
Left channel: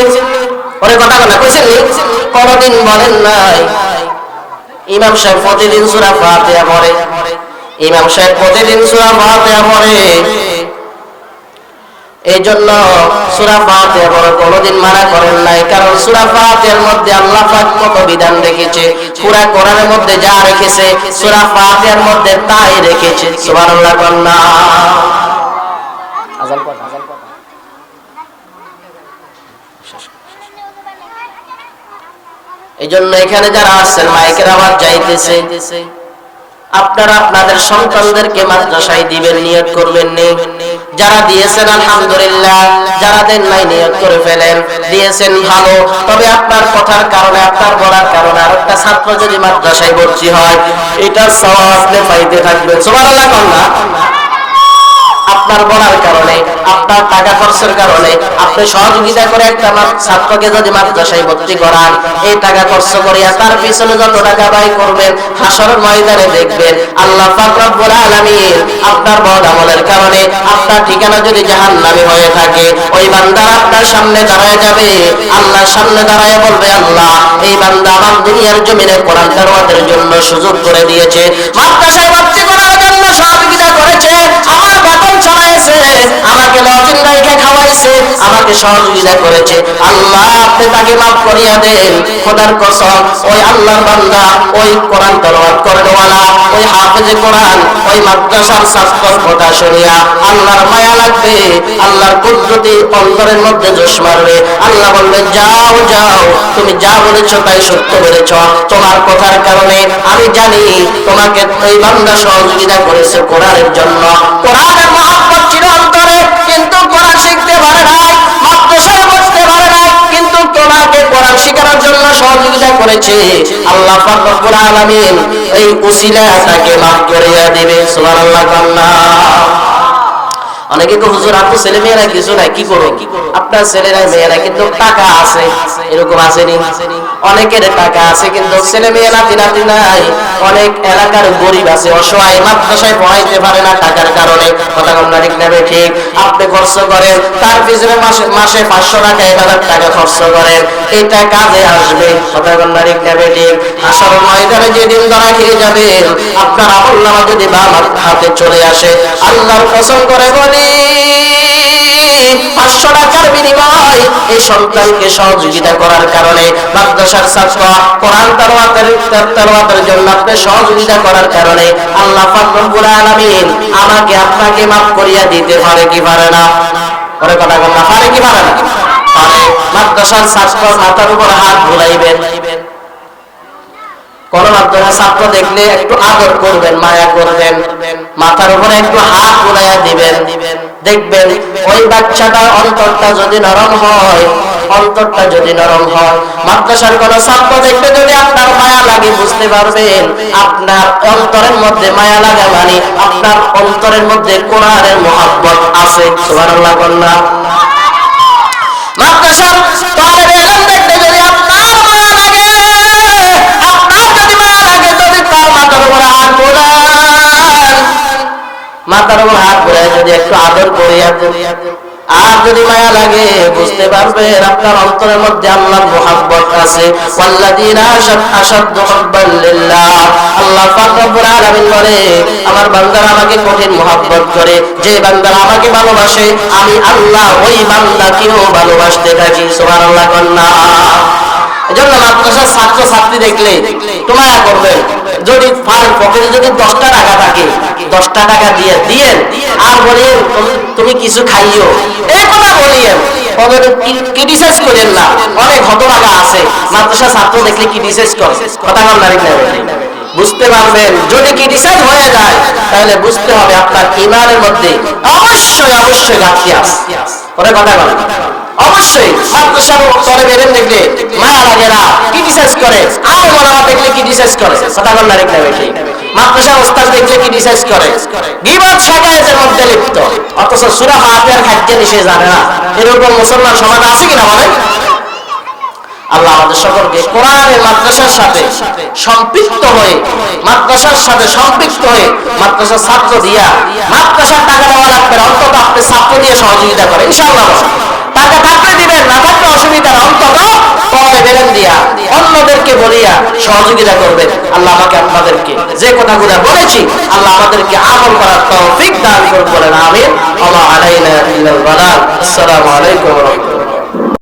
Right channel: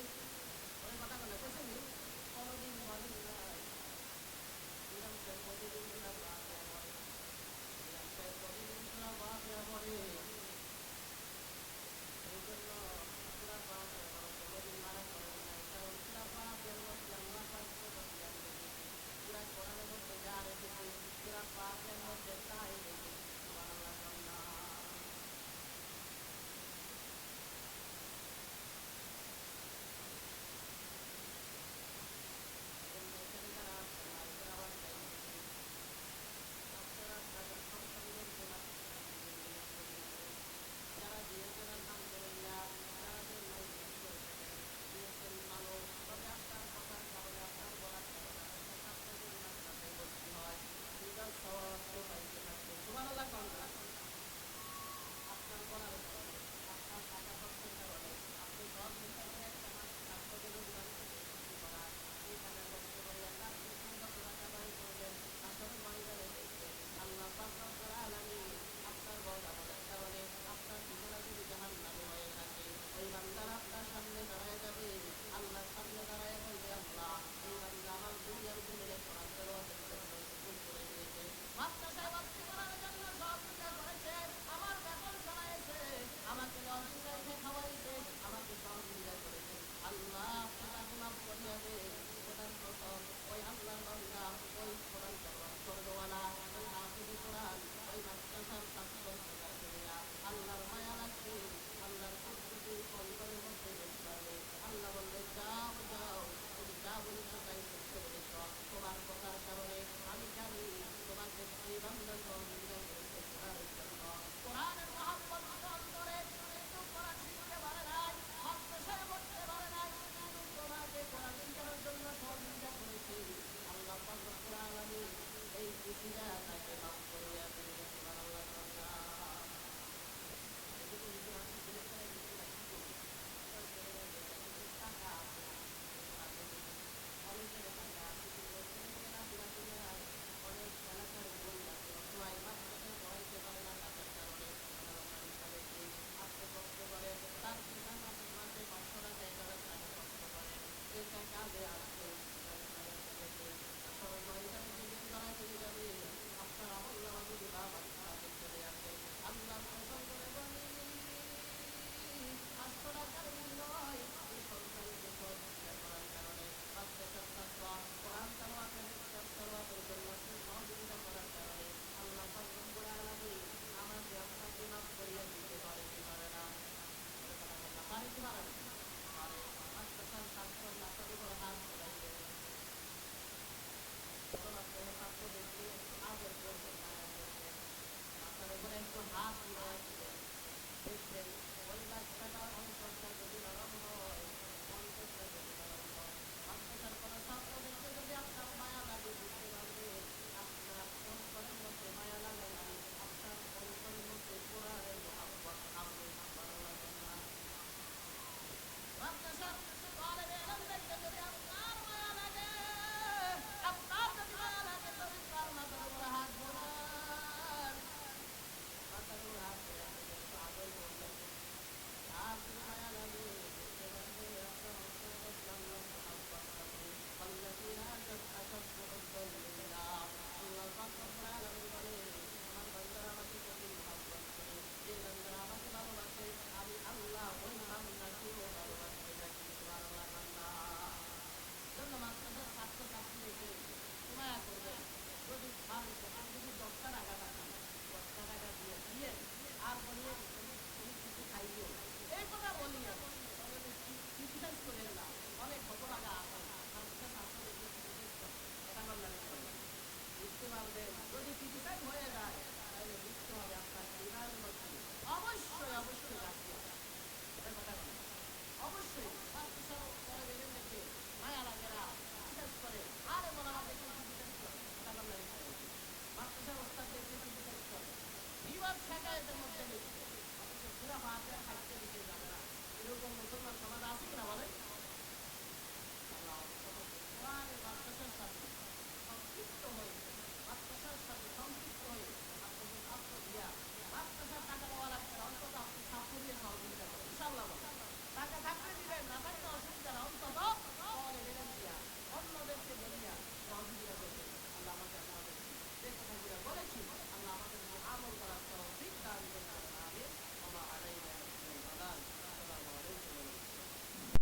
ওরে কথা বলা কইছেন নি? কোনদিন বলেন নাই। ইমাম সাহেব প্রতিদিন সূরা ফাতিহা পড়ে, ইমাম সাহেব প্রতিদিন সূরা ফাতিহা পড়ে। এই জন্য সূরা ফাতিহা পড়া কোনদিন মানা করেন নাই, কারণ সূরা ফাতিহার মধ্যে আল্লাহ পাক কত বিধান রেখেছে। পুরা কোরআনের মধ্যে যা রেখেছে সূরা ফাতিহার মধ্যে তাই রেখেছে। সুবহানাল্লাহ কন্না। আযান পড়। এই জন্য এখানে যারা আসছেন মাইকের আওয়াজ যাইতেছে, আপনারা আপনাদের সন্তানদেরকে মাদ্রাসায় দিবেন, নিয়ত করবেন নি? যারা দিয়েছেন আলহামদুলিল্লাহ, যারা দেন নাই নিয়ত করে ফেলেন। দিয়েছেন ভালো, তবে আপনার কথার কারণে, আপনার বলার কারণে আরেকটা ছাত্র যদি মাদ্রাসায় ভর্তি হয়, এটা সওয়াব আপনি পাইতে থাকবেন। সুবহানাল্লাহ কন্না। আপনার বলার কারণে, আপনার টাকা খরচের কারণে আপনি সহযোগিতা করে একটা ছাত্রকে যদি মাদ্রাসায় ভর্তি করান, এই টাকা খরচ করিয়া তার পিছনে যত টাকা ব্যয় করবেন, হাসরের ময়দানে দেখবেন আল্লাহ পাক রব্বুল আলামিন আপনার বদ আমলের কারণে আপনার ঠিকানা যদি জাহান্নামী হয়ে থাকে, ওই বান্দা আপনার সামনে দাঁড়ায় যাবে, আল্লাহর সামনে দাঁড়ায় বলবে, আল্লাহ এই বান্দা আমার দুনিয়ার জমিনে কোরআন তেলাওয়াতের জন্য সুযোগ করে দিয়েছে, মাদ্রাসায় ভর্তি করার জন্য সহযোগিতা করেছে, আমার বেতন ছড়াইছে, আমাকে লজিং রাইখে খাওয়াইছে, আমাকে সহযোগিতা করেছে, আল্লাহ আপনি তাকে মাফ করিয়া দেন। খোদার কসম, ওই আল্লাহর বান্দা, ওই কোরআন তেলাওয়াত করেনওয়ালা, ওই হাফেজে কোরআন, ওই মাদ্রাসার ছাত্রের কথা শুনিয়া আল্লাহর মায়া লাগবে, আল্লাহর কুদরতি অন্তরের মধ্যে জোশ মারবে। আল্লাহ বলবে, যাও যাও, তুমি যা বলেছো তাই সত্য বলেছ, তোমার কথার কারণে আমি জানি তোমাকে ওই বান্দা সহযোগিতা করেছে কোরআনের জন্য। কোরআনের মহব্বত ছিল অন্তরে, কিন্তু কোরআন শিখতে পারে নাই, মাদ্রাসায় বসতে পারে নাই, কিন্তু তোমাকে কোরআন শেখানোর জন্য সহযোগিতা করেছে। আল্লাহ পাক রব্বুল আলামিন এই উসিলা তাকে মাফ করিয়া দিবে। সুবহানাল্লাহ কান্না। অনেকে তো হুজুর আপনি ছেলে মেয়েরা কিছু নাই, কি করো? আপনার ছেলেরা মেয়েরা কিন্তু টাকা আছে, এরকম আসেনি? অনেকের টাকা আছে কিন্তু ছেলে মেয়ে নাতি নাতি নাই। অনেক এলাকার গরিব আছে, অসহায়, মাদ্রাসায় পড়াইতে পারে না টাকার কারণে। কথা বলনা ঠিক না ঠিক? আপনি খরচ করেন, তার পিছনে মাসে 500 টাকা 1000 টাকা খরচ করেন, এটা কাজে আসবে। কথা বলনা ঠিক না ঠিক? হাসরের ময়দানে যেদিন ধরা খেয়ে যাবেন, আপনার আমলনামা যদি বাম হাতে চলে আসে, আল্লাহর কসম করে বলি 500 টাকার বিনিময় এই সন্তানকে সহযোগিতা করার কারণে, মাদ্রাসার ছাত্র কোরআন তেলাওয়াতের জন্য আপনি সহযোগিতা করার কারণে আল্লাহ পাক রব্বুল আলামিন আমাকে আপনাকে মাফ করিয়া দিতে পারে কি পারে না? পরে কথা বলনা, পারে কি পারে না? পারে। মাদ্রাসার ছাত্র মাথার উপর হাত বুলাইবেন, কোন মাদ্রাসার ছাত্র দেখলে একটু আদর করবেন, মায়া করবেন, মাথার উপরে একটু হাত বুলাইয়া দিবেন, দেখবেন ওই বাচ্চাটার অন্তরটা যদি নরম হয়, অন্তরটা যদি নরম হয়, মাদ্রাসার কোন ছাত্র দেখলে যদি আপনার মায়া লাগে, বুঝতে পারবেন আপনার অন্তরের মধ্যে মায়া লাগা মানে আপনার অন্তরের মধ্যে কোরআনের মুহাব্বত আছে। সুবহানাল্লাহ বলনা। মাদ্রাসার তালেবে ইলম দেখতে যদি আপনার মায়া লাগে, আপনার যদি মায়া লাগে, যদি তার মাথার উপর হাত বুলান, মাথার উপর হাত বুলায় যদি একটু আদর করিয়া দেন, আর যদি মায়া লাগে, বুঝতে পারবেন আপনার অন্তরের মধ্যে আল্লাহর মুহাব্বত আছে। ওয়াল্লাযীনা আশাদ্দু হুব্বান লিল্লাহ। আল্লাহ পাক রব্বুল আলামিন বলে, আমার বান্দারা আমাকে কঠিন মুহাব্বত করে, যে বান্দারা আমাকে ভালোবাসে, আমি আল্লাহ ওই বান্দাকেও ভালোবাসতে থাকি। সুবহানাল্লাহ কন্না। এজন্য মাদ্রাসার ছাত্র ছাত্রী দেখলে তোমায়া করবেন, যদি ফার পকেটে যদি 10টা টাকা থাকে, 10টা টাকা দিয়ে দিয়েন, আর বলেন তুমি কিছু খাইও, এই কথা বলিয়েন, ক্রিটিসাইজ করেন না। অনেক হতভাগা আছে মাদ্রাসা ছাত্র দেখলে ক্রিটিসাইজ করে। কথা বল না, বুঝতে পারবেন। যদি ক্রিটিসাইজ হয়ে যায় তাহলে বুঝতে হবে আপনার ঈমানের মধ্যে অবশ্যই অবশ্যই ঘাটতি আছে। পরে কথা বলেন, অবশ্যই মাদ্রাসার তলে বেরেন দেখলে মায়া লাগে না, ক্রিটিসাইজ করে, আর ওলামা দেখলে ক্রিটিসাইজ করে, কথা বল না, ঠিক না বেশি? মাদ্রাসার ওস্তাদ দেখলে ক্রিটিসাইজ করে, গীবত শিকায়েতের মধ্যে লিপ্ত, অথচ সূরা ফাতিহার খাদ্য নিষেধ জানে না। এরকম মুসলমান সমাজ আছে কিনা বলেন? আল্লাহ আমাদের সকলকে কোরআনের মাদ্রাসার সাথে সম্পৃক্ত হয়ে, মাদ্রাসার সাথে সম্পৃক্ত হয়ে মাদ্রাসার ছাত্র দিয়া, মাদ্রাসার টাকা দেওয়া লাগবে, অন্তত আপনি ছাত্র দিয়ে সহযোগিতা করে ইনশাআল্লাহ। টাকা থাকলে দিবেন, না থাকলে অসুবিধা, অন্তত পরে বেরেন দিয়া অন্যদেরকে বলিয়া সহযোগিতা করবেন। আল্লাহ আমাকে আপনাদেরকে যে কথাগুলো বলেছি আল্লাহ আমাদেরকে আমল করার তৌফিক দান করুন, বলেন আমিন। ওয়া মা আলাইনা ইল্লাল বালাগ। আসসালামু আলাইকুম ওয়া রাহমাতুল্লাহ।